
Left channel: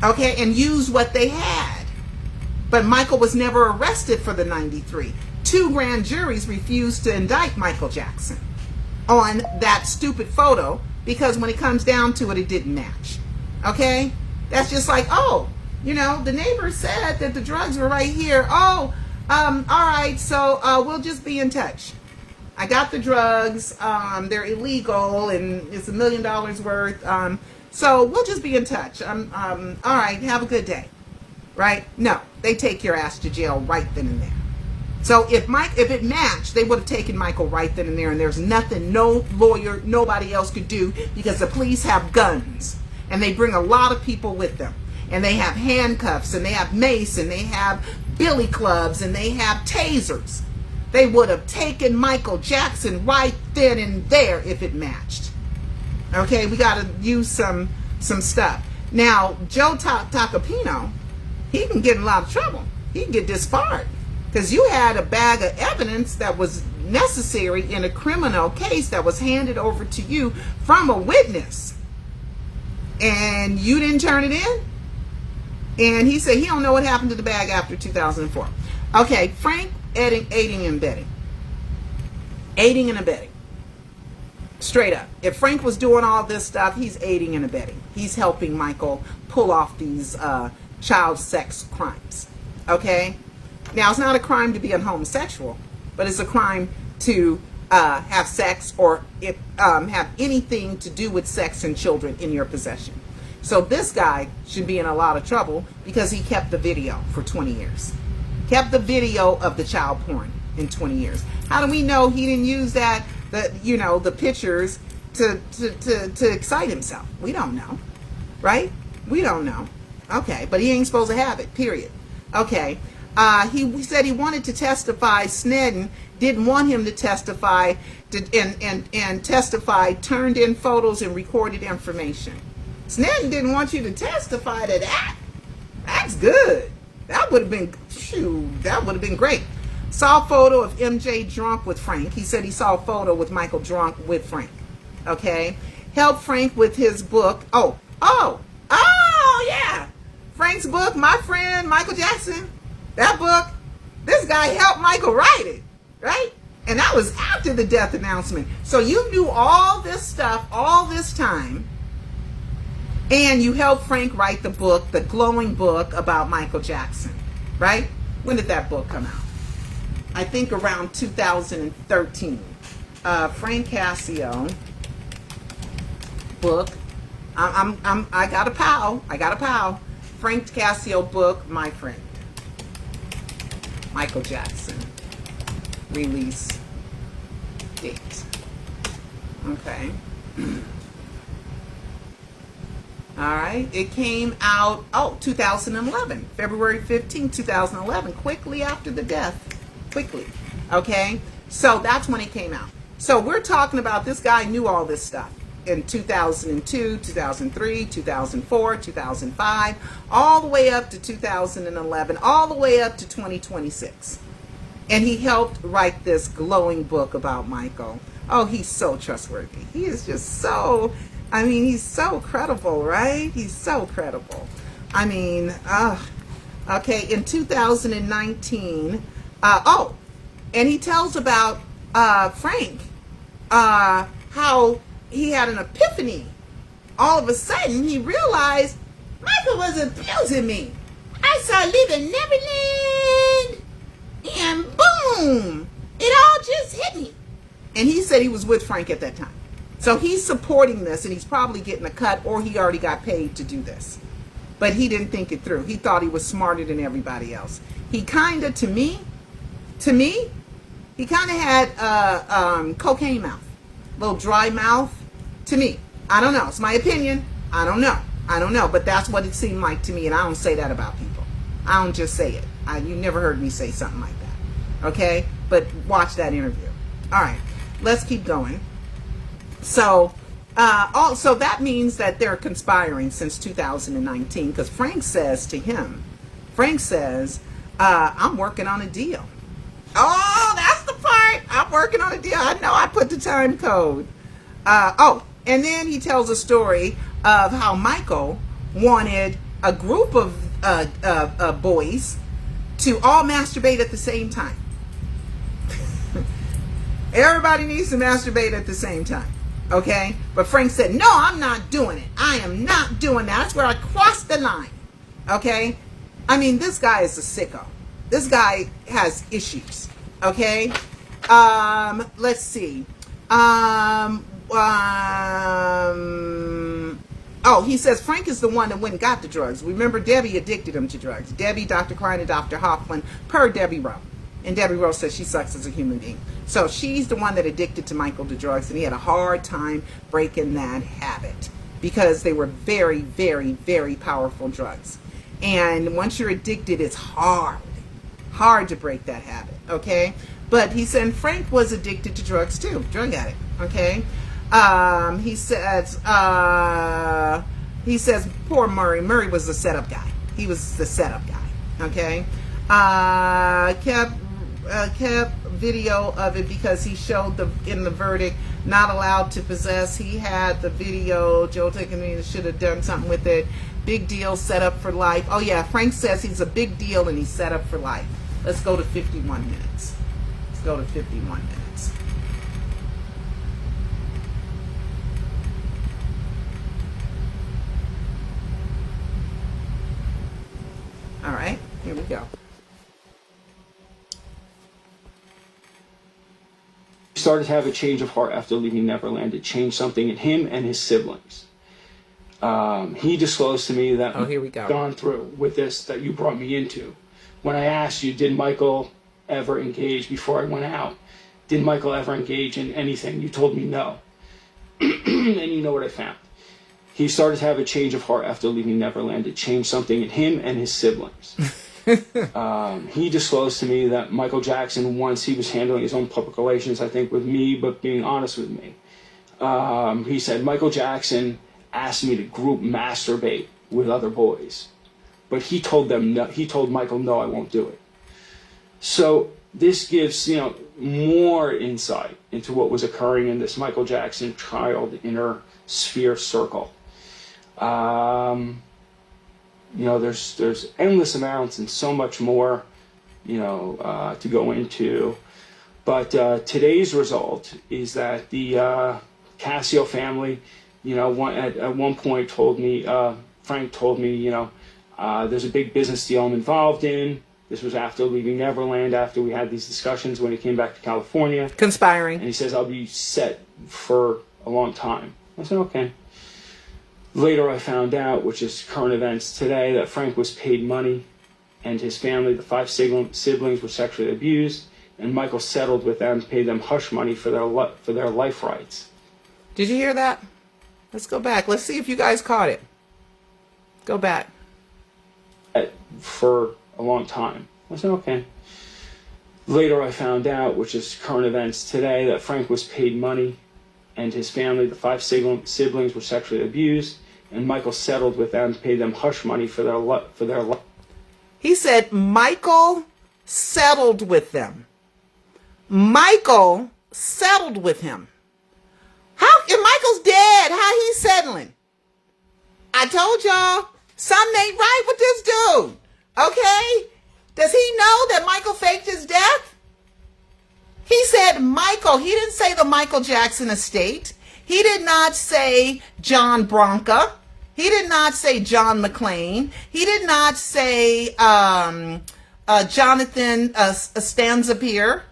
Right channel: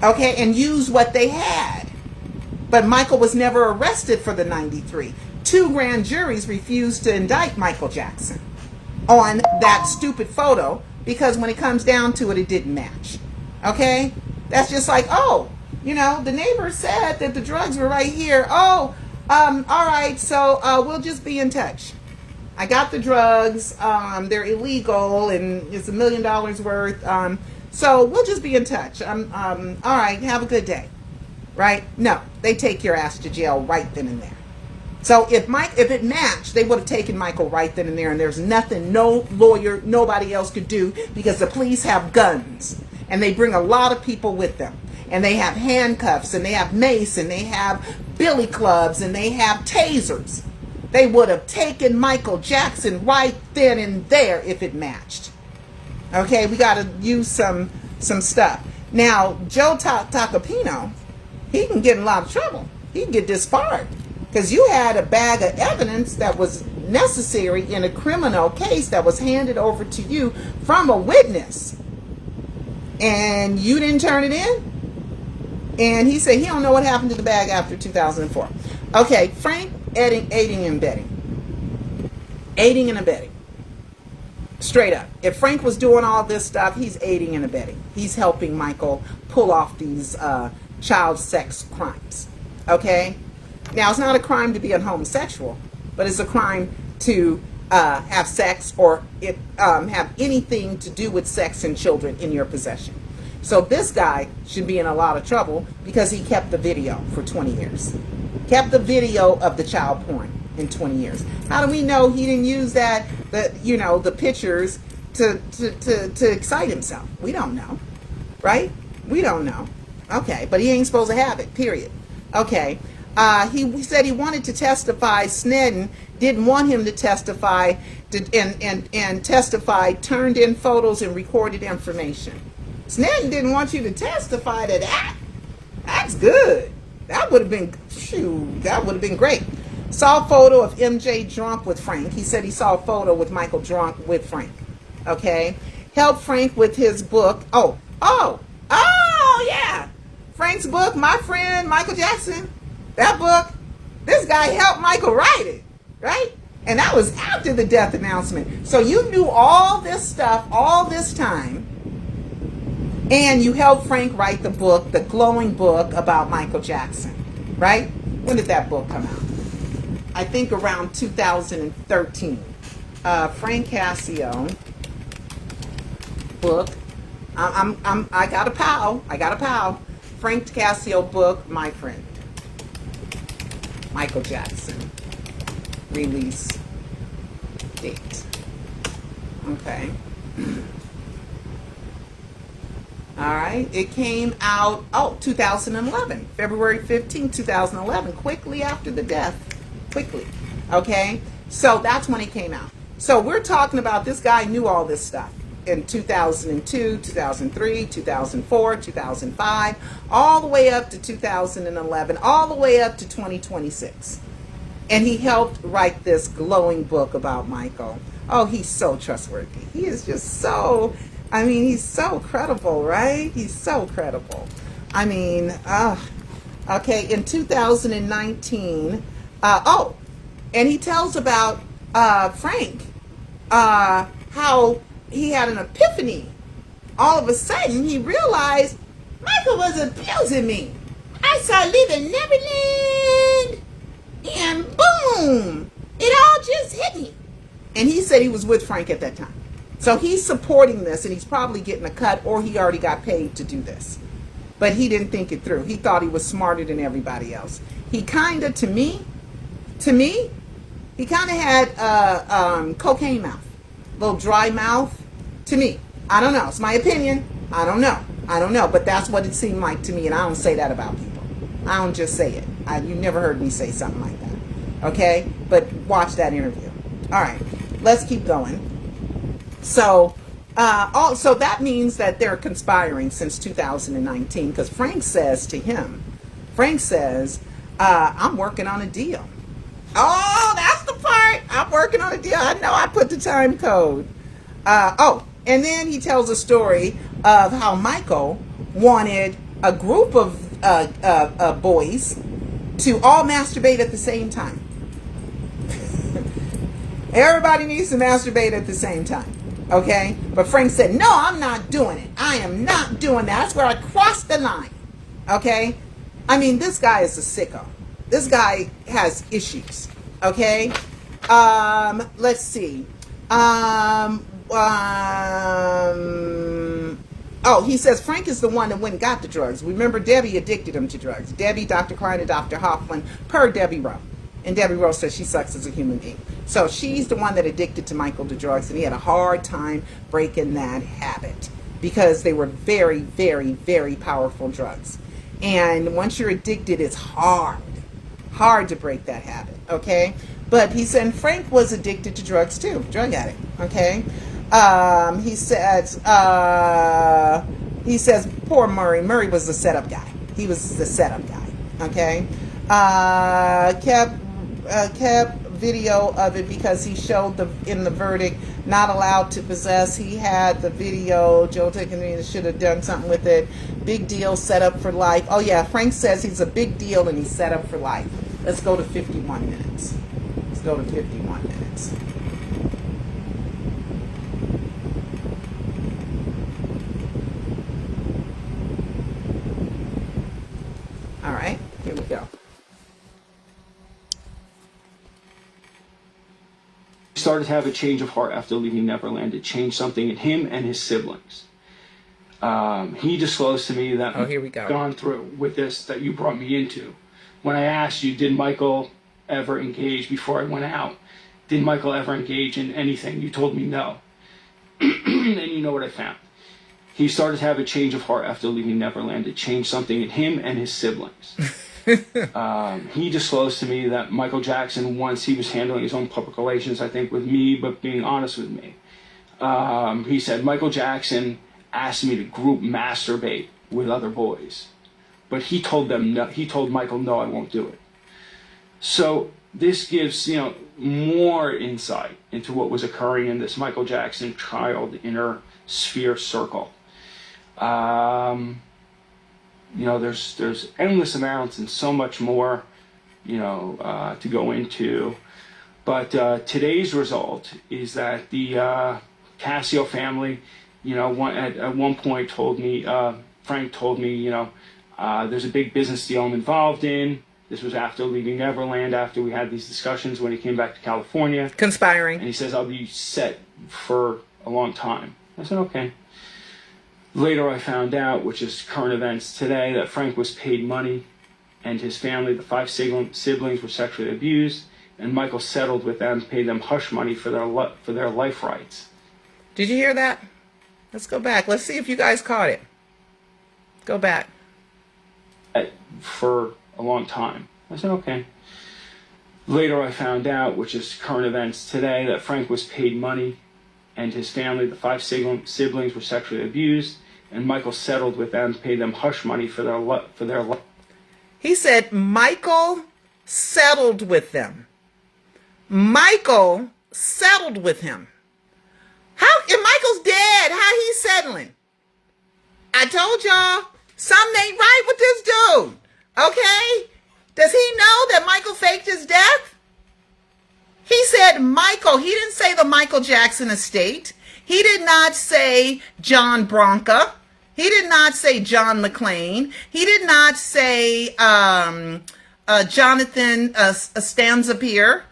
Okay? And used what they had. But Michael was never arrested for the 93. 2 grand juries refused to indict Michael Jackson on that stupid photo because when it comes down to it, it didn't match. Okay? That's just like, oh, you know, the neighbor said that the drugs were right here. Oh, all right, so we'll just be in touch. I got the drugs. They're illegal and it's $1 million worth. So we'll just be in touch. All right, have a good day. Right? No, they take your ass to jail right then and there. So if it matched, they would have taken Michael right then and there, and there's nothing no lawyer, nobody else could do because the police have guns and they bring a lot of people with them, and they have handcuffs and they have mace and they have billy clubs and they have tasers. They would have taken Michael Jackson right then and there if it matched. Okay, we got to use some stuff. Now, Joe Tacopino, he can get in a lot of trouble. He can get disbarred. Because you had a bag of evidence that was necessary in a criminal case that was handed over to you from a witness. And you didn't turn it in? And he said he don't know what happened to the bag after 2004. Okay, Frank aiding and abetting. Aiding and abetting. Straight up. If Frank was doing all this stuff, he's aiding and abetting. He's helping Michael pull off these child sex crimes. Okay? Now, it's not a crime to be a homosexual, but it's a crime to have sex or have anything to do with sex and children in your possession. So this guy should be in a lot of trouble because he kept the video for 20 years. Kept the video of the child porn in 20 years. How do we know he didn't use the pictures to excite himself? We don't know, right? We don't know. Okay, but he ain't supposed to have it, period. Okay. He said he wanted to testify. Snedden didn't want him to testify, and testify, turned in photos and recorded information. Snedden didn't want you to testify to that. That's good. That would have been great. Saw a photo of MJ drunk with Frank. He said he saw a photo with Michael drunk with Frank. Okay. Helped Frank with his book. Oh, yeah. Frank's book, My Friend Michael Jackson. That book, this guy helped Michael write it, right? And that was after the death announcement. So you knew all this stuff all this time, And you helped Frank write the book, the glowing book about Michael Jackson, right? When did that book come out? I think around 2013. Frank Cascio book. I got a pal. Frank Cascio book, My Friend. Michael Jackson. Release date. Okay. All right. It came out, 2011. February 15, 2011. Quickly after the death. Quickly. Okay. So that's when it came out. So we're talking about this guy knew all this stuff in 2002, 2003, 2004, 2005, all the way up to 2011, all the way up to 2026. And he helped write this glowing book about Michael. Oh, he's so trustworthy. He is just so, he's so credible, right? He's so credible. Okay, in 2019, and he tells about Frank, how he had an epiphany. All of a sudden, he realized Michael was abusing me. I saw Leaving Neverland, and boom, it all just hit me. And he said he was with Frank at that time. So he's supporting this, and he's probably getting a cut, or he already got paid to do this. But he didn't think it through. He thought he was smarter than everybody else. He kind of, to me, he kind of had cocaine mouth, little dry mouth. To me, I don't know. It's my opinion. I don't know. But that's what it seemed like to me, and I don't say that about people. I don't just say it. You never heard me say something like that. Okay? But watch that interview. All right. Let's keep going. So, so that means that they're conspiring since 2019, because Frank says, I'm working on a deal. Oh, that's the part. I'm working on a deal. I know I put the time code. And then he tells a story of how Michael wanted a group of boys to all masturbate at the same time. Everybody needs to masturbate at the same time. Okay? But Frank said, no, I'm not doing it. I am not doing that. That's where I crossed the line. Okay? This guy is a sicko. This guy has issues. Okay? Let's see. He says Frank is the one that went and got the drugs. Remember, Debbie addicted him to drugs. Debbie, Dr. Klein, and Dr. Hoffman, per Debbie Rowe. And Debbie Rowe says she sucks as a human being. So she's the one that addicted to Michael to drugs, and he had a hard time breaking that habit because they were very, very, very powerful drugs. And once you're addicted, it's hard to break that habit, okay? But he said Frank was addicted to drugs too, drug addict, okay? He says poor Murray. Murray was the setup guy. He was the setup guy, okay? Kept video of it because he showed in the verdict not allowed to possess. He had the video. Joe Taken should have done something with it. Big deal, set up for life. Oh yeah, Frank says he's a big deal and he's set up for life. Let's go to 51 minutes. Let's go to 51 minutes. All right, here we go. He started to have a change of heart after leaving Neverland. It changed something in him and his siblings. He disclosed to me that here we go. Gone through with this that you brought me into. When I asked you, did Michael ever engage before I went out? Did Michael ever engage in anything? You told me no. And you know what I found. He started to have a change of heart after leaving Neverland. It changed something in him and his siblings. He disclosed to me that Michael Jackson, once he was handling his own public relations, I think with me, but being honest with me, he said Michael Jackson asked me to group masturbate with other boys, but he told them no. He told Michael, no, I won't do it. So this gives more insight into what was occurring in this Michael Jackson child inner sphere circle. There's endless amounts and so much more, to go into. But today's result is that the Cascio family at one point told me, Frank told me, there's a big business deal I'm involved in. This was after leaving Neverland, after we had these discussions when he came back to California. Conspiring. And he says, I'll be set for a long time. I said, okay. Later I found out, which is current events today, that Frank was paid money and his family, the 5 siblings, were sexually abused, and Michael settled with them, paid them hush money for their life rights. Did you hear that? Let's go back. Let's see if you guys caught it. Go back. For a long time. I said, okay. Later I found out, which is current events today, that Frank was paid money and his family, the 5 siblings, were sexually abused, and Michael settled with them, paid them hush money for their life. He said Michael settled with them. Michael settled with him. How, if Michael's dead, how he settling? I told y'all, something ain't right with this dude. Okay? Does he know that Michael faked his death? He said Michael. He didn't say the Michael Jackson estate. He did not say John Bronca. He did not say John McClane. He did not say Jonathan Stanzapier.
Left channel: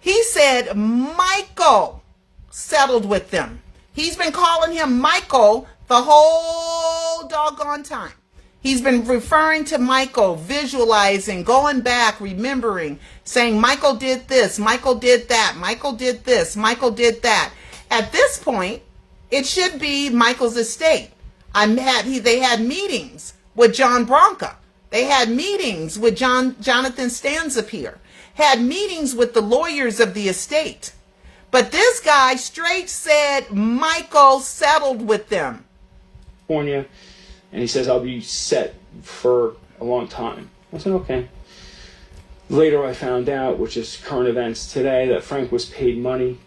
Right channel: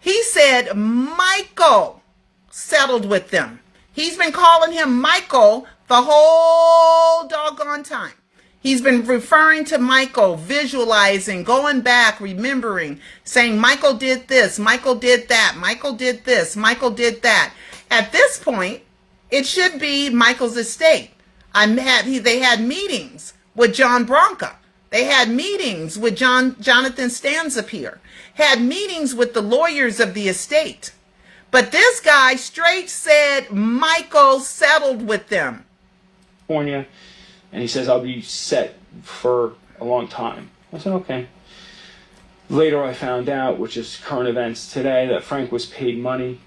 He said Michael settled with them. He's been calling him Michael the whole doggone time. He's been referring to Michael, visualizing, going back, remembering, saying Michael did this, Michael did that, Michael did this, Michael did that. At this point, it should be Michael's estate. They had meetings with John Bronca. They had meetings with Jonathan Stanzapier. Had meetings with the lawyers of the estate. But this guy straight said Michael settled with them. California, and he says, I'll be set for a long time. I said, okay. Later I found out, which is current events today, that Frank was paid money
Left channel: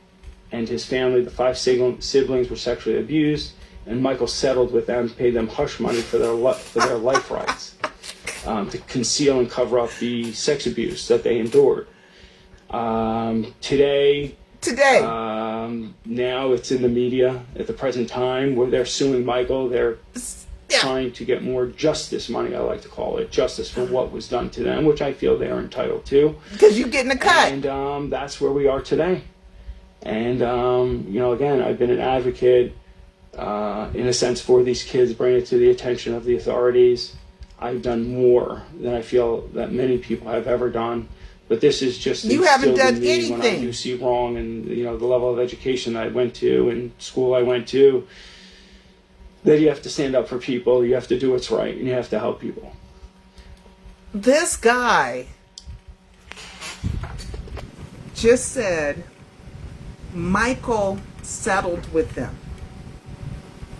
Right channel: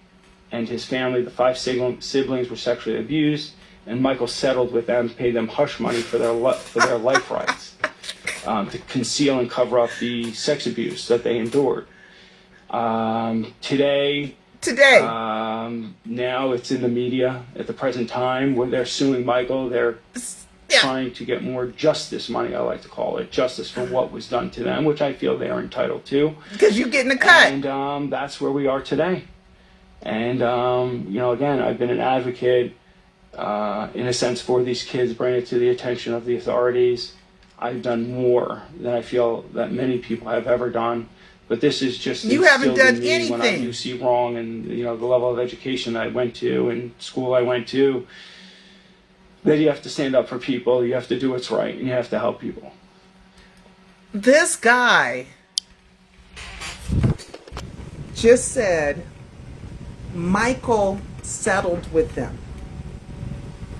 and his family, the 5 siblings, were sexually abused, and Michael settled with them, paid them hush money for their life rights, to conceal and cover up the sex abuse that they endured. Today, now it's in the media at the present time where they're suing Michael. They're trying to get more justice money, I like to call it, justice for what was done to them, which I feel they are entitled to. Because you're getting a cut. And that's where we are today. And, again, I've been an advocate, in a sense, for these kids, bring it to the attention of the authorities. I've done more than I feel that many people have ever done. But this is just you haven't done in me anything. When I do see wrong, and the level of education I went to and school I went to, that you have to stand up for people, you have to do what's right, and you have to help people. This guy just said Michael settled with them.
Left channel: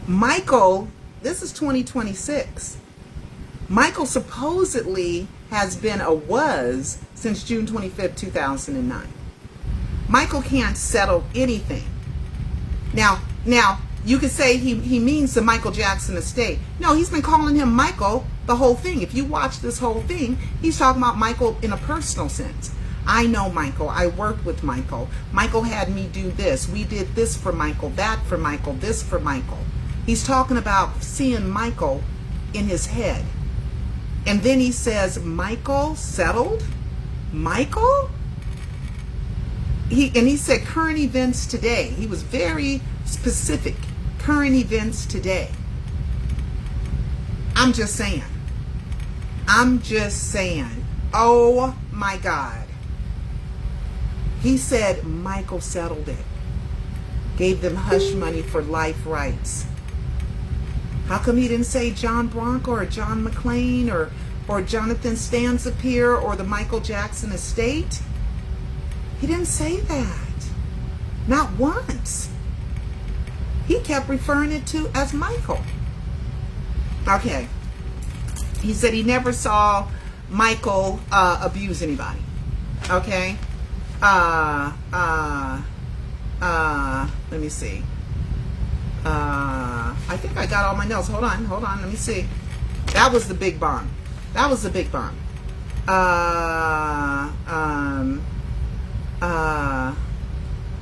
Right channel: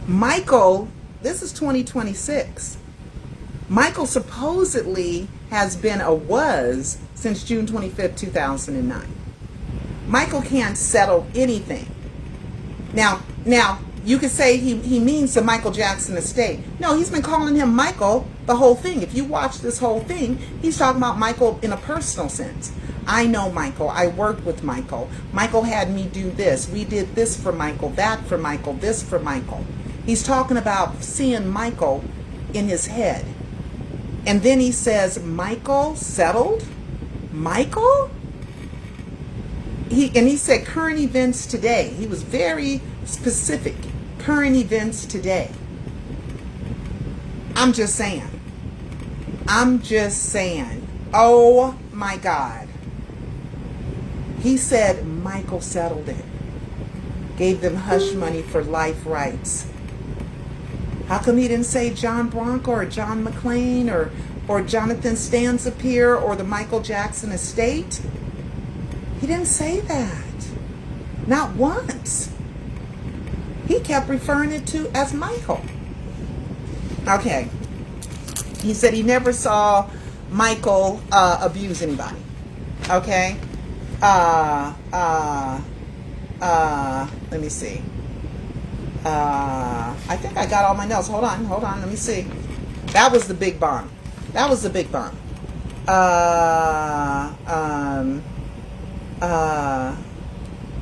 Michael, this is 2026. Michael supposedly has been was since June 25th, 2009. Michael can't settle anything. Now, you could say he means the Michael Jackson estate. No, he's been calling him Michael the whole thing. If you watch this whole thing, he's talking about Michael in a personal sense. I know Michael. I worked with Michael. Michael had me do this. We did this for Michael, that for Michael, this for Michael. He's talking about seeing Michael in his head. And then he says, Michael settled? Michael? He said current events today. He was very specific. Current events today. I'm just saying. Oh my God. He said Michael settled it. Gave them hush money for life rights. How come he didn't say John Bronco or John McClane or Jonathan Stanzapier or the Michael Jackson estate? He didn't say that. Not once. He kept referring it to as Michael. Okay. He said he never saw Michael abuse anybody. Okay. Let me see. I think I got all my notes. Hold on. Let me see. That was the big bomb.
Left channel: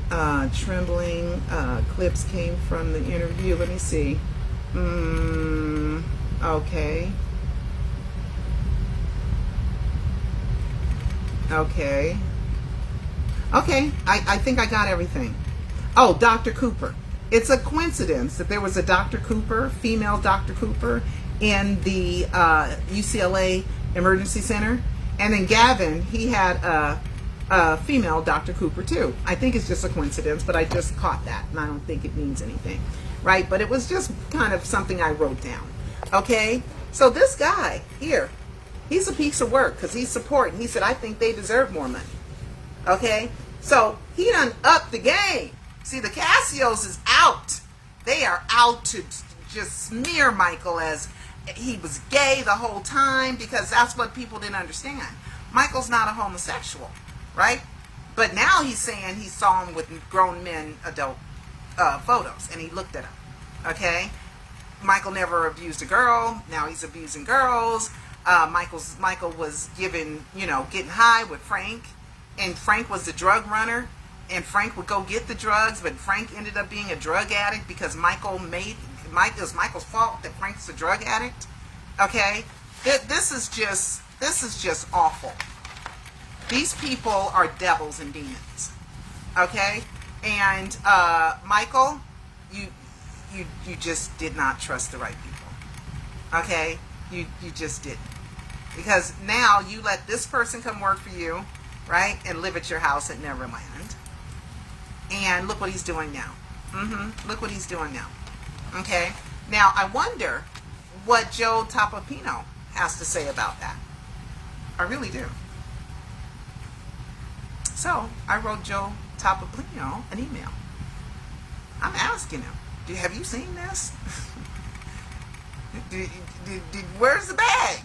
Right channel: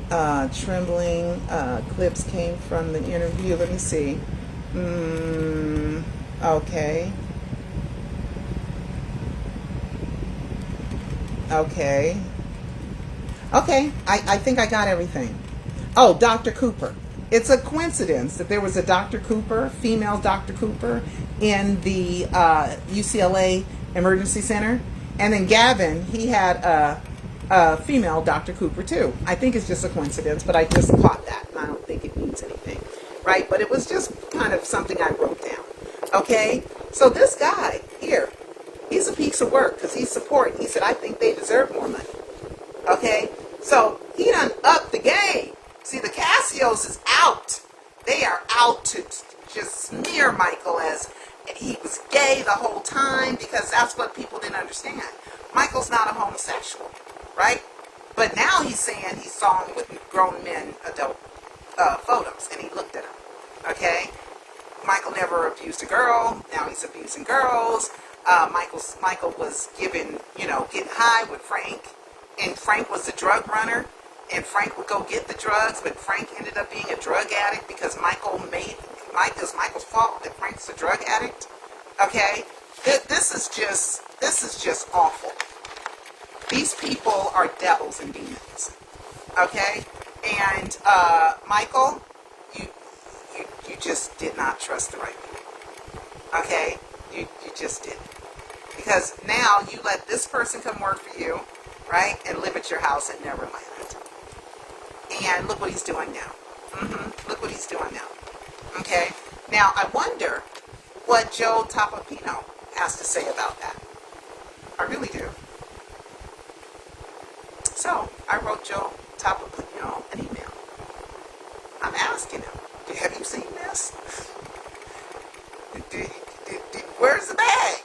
Trembling clips came from the interview. Let me see. Okay. Okay. Okay. I think I got everything. Oh, Dr. Cooper. It's a coincidence that there was a Dr. Cooper, female Dr. Cooper, in the UCLA Emergency Center. And then Gavin, he had a female Dr. Cooper too. I think it's just a coincidence, but I just caught that, and I don't think it means anything, right? But it was just kind of something I wrote down. Okay, so this guy here, he's a piece of work because he's supporting. He said, I think they deserve more money. Okay, so he done upped the game. See, the Cassios is out. They are out to just smear Michael as he was gay the whole time, because that's what people didn't understand. Michael's not a homosexual, right? But now he's saying he saw him with grown men adult photos, and he looked at him. Okay, Michael never abused a girl. Now he's abusing girls. Michael was getting high with Frank, and Frank was the drug runner, and Frank would go get the drugs, but Frank ended up being a drug addict because it's Michael's fault that Frank's a drug addict. Okay, this is just awful. These people are devils and demons. Okay, and Michael, you just did not trust the right people. Okay, you just didn't, because now you let this person come work for you, right, and live at your house at Neverland. And look what he's doing now. Look what he's doing now. Okay? Now, I wonder what Joe Topopino has to say about that. I really do. So, I wrote Joe Topopino an email. I'm asking him, have you seen this? Where's the bag?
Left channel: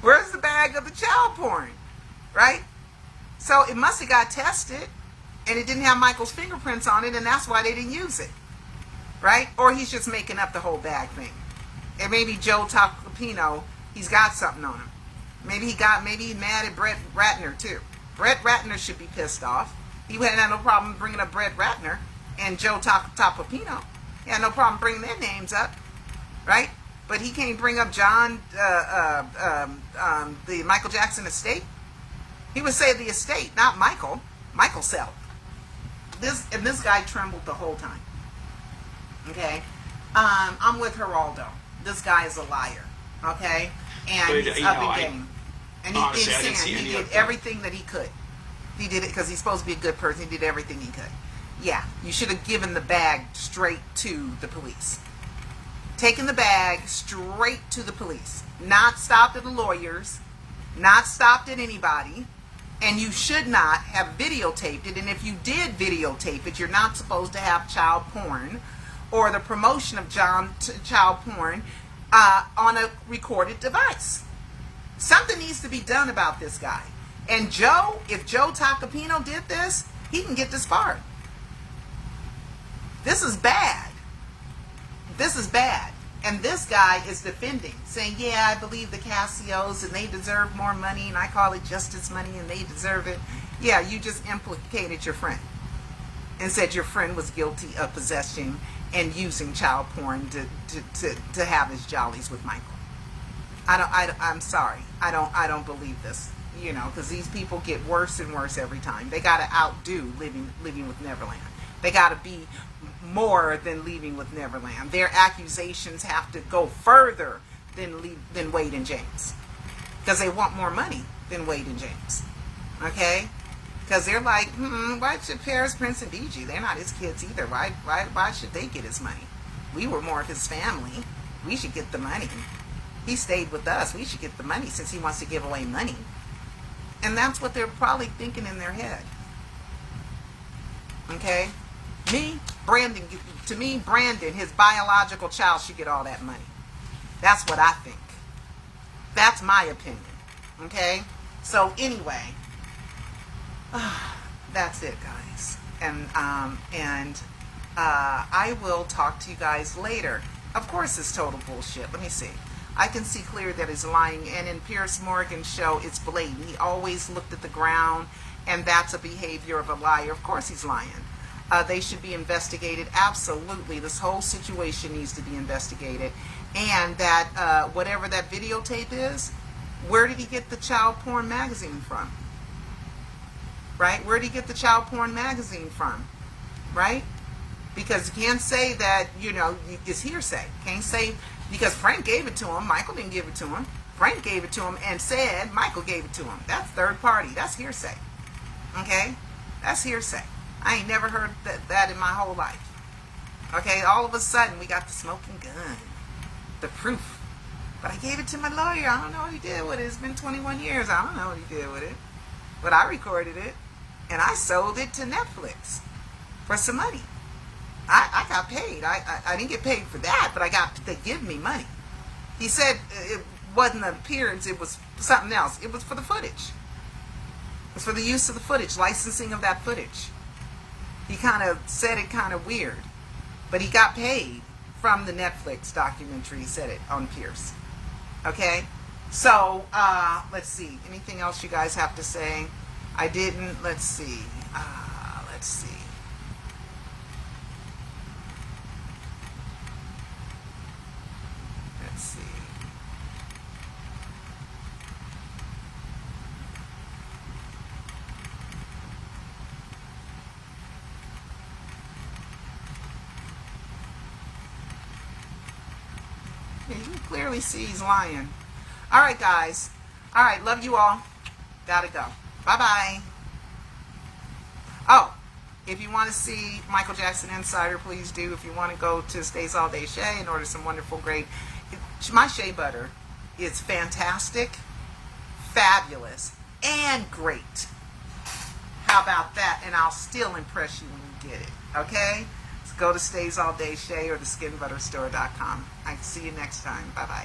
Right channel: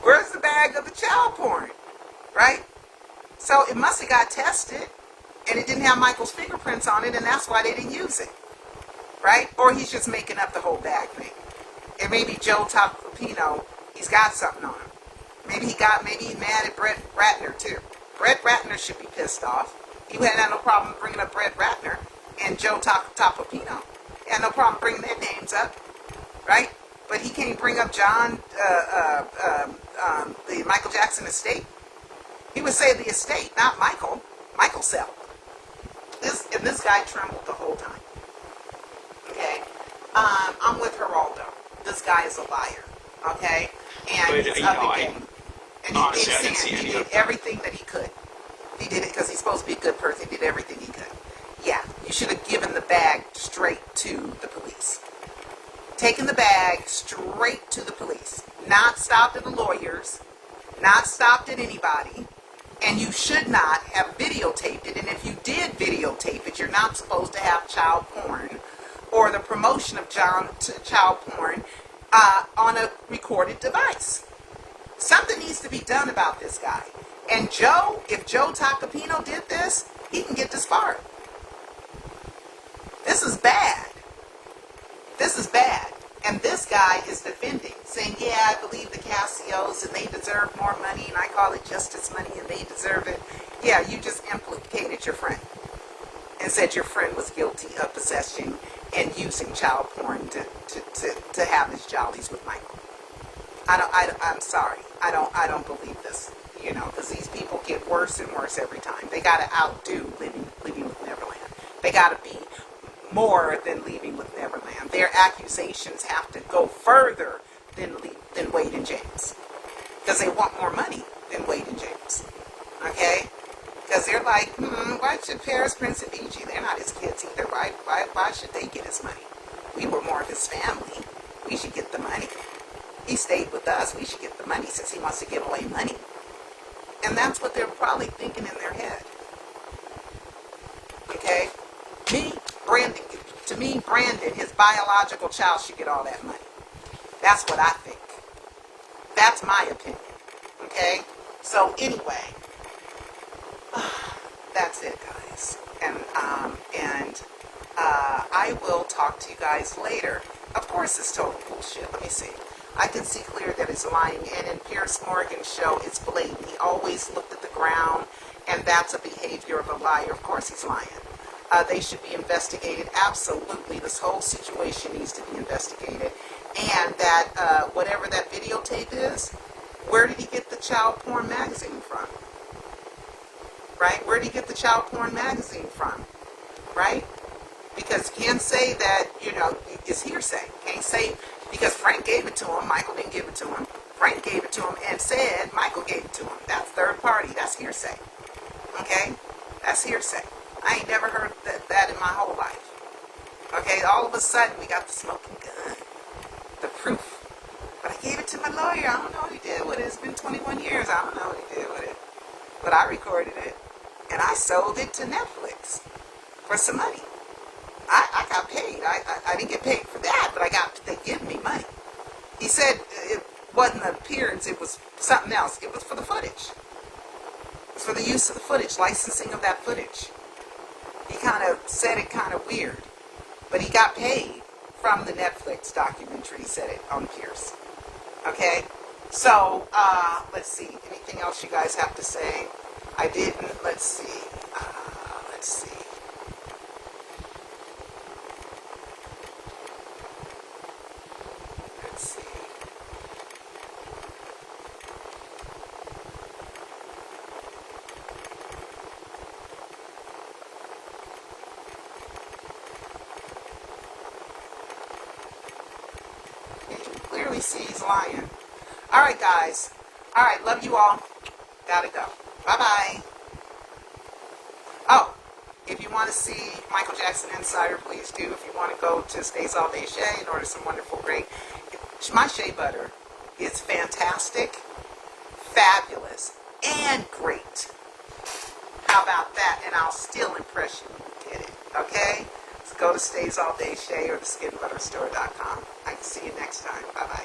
Where's the bag of the child porn? Right? So, it must have got tested, and it didn't have Michael's fingerprints on it, and that's why they didn't use it. Right? Or he's just making up the whole bag thing. And maybe Joe Topopino, he's got something on him. Maybe he's mad at Brett Ratner too. Brett Ratner should be pissed off. He had no problem bringing up Brett Ratner and Joe Topopino. He had no problem bringing their names up, right? But he can't bring up John, the Michael Jackson estate. He would say the estate, not Michael. Michael Sell. This guy trembled the whole time. Okay, I'm with Geraldo. This guy is a liar. Okay, and he's up again. And he thinks he did everything that he could. He did it because he's supposed to be a good person. He did everything he could. Yeah, you should have given the bag straight to the police. Taken the bag straight to the police. Not stopped at the lawyers. Not stopped at anybody. And you should not have videotaped it. And if you did videotape it, you're not supposed to have child porn or the promotion of child porn on a recorded device. Something needs to be done about this guy. And Joe, if Joe Topopino did this, he can get disbarred. This is bad. This is bad. And this guy is defending, saying, yeah, I believe the Cassios and they deserve more money, and I call it justice money and they deserve it. Yeah, you just implicated your friend and said your friend was guilty of possessing and using child porn to have his jollies with Michael. I'm sorry. I don't believe this, because these people get worse and worse every time. They got to outdo Living with Neverland. They got to be more than Leaving with Neverland. Their accusations have to go further than Wade and James, because they want more money than Wade and James. Okay? Because they're like, why should Paris, Prince, and BG? They're not his kids either. Why should they get his money? We were more of his family. We should get the money. He stayed with us. We should get the money since he wants to give away money. And that's what they're probably thinking in their head. Okay? Brandon, his biological child should get all that money. That's what I think. That's my opinion. Okay? So anyway, that's it, guys. And I will talk to you guys later. Of course, it's total bullshit. Let me see. I can see clear that he's lying. And in Pierce Morgan's show, it's blatant. He always looked at the ground and that's a behavior of a liar. Of course he's lying. They should be investigated. Absolutely. This whole situation needs to be investigated. And that whatever that videotape is, where did he get the child porn magazine from? Right? Where did he get the child porn magazine from? Right? Because you can't say that, you know, it's hearsay. Can't say, because Frank gave it to him, Michael didn't give it to him. Frank gave it to him and said Michael gave it to him. That's third party. That's hearsay. Okay? That's hearsay. I ain't never heard that in my whole life. Okay? All of a sudden, we got the smoking gun. The proof. But I gave it to my lawyer. I don't know what he did with it. It's been 21 years. I don't know what he did with it. But I recorded it. And I sold it to Netflix for some money. I got paid. I didn't get paid for that, but they give me money. He said it wasn't an appearance, it was something else. It was for the footage. It was for the use of the footage, licensing of that footage. He kind of said it kind of weird, but he got paid from the Netflix documentary. He said it on Pierce. Okay? So, let's see. Anything else you guys have to say? I didn't. Let's see. Let's see. Let's see. Yeah, you can clearly see he's lying. All right, guys. All right, love you all. Gotta go. Bye-bye. Oh, if you want to see Michael Jackson Insider, please do. If you want to go to Stays All Day Shea and order some wonderful, great... My shea butter is fantastic, fabulous, and great. How about that? And I'll still impress you when you get it. Okay? So go to Stays All Day Shea or theskinbutterstore.com. I can see you next time. Bye-bye.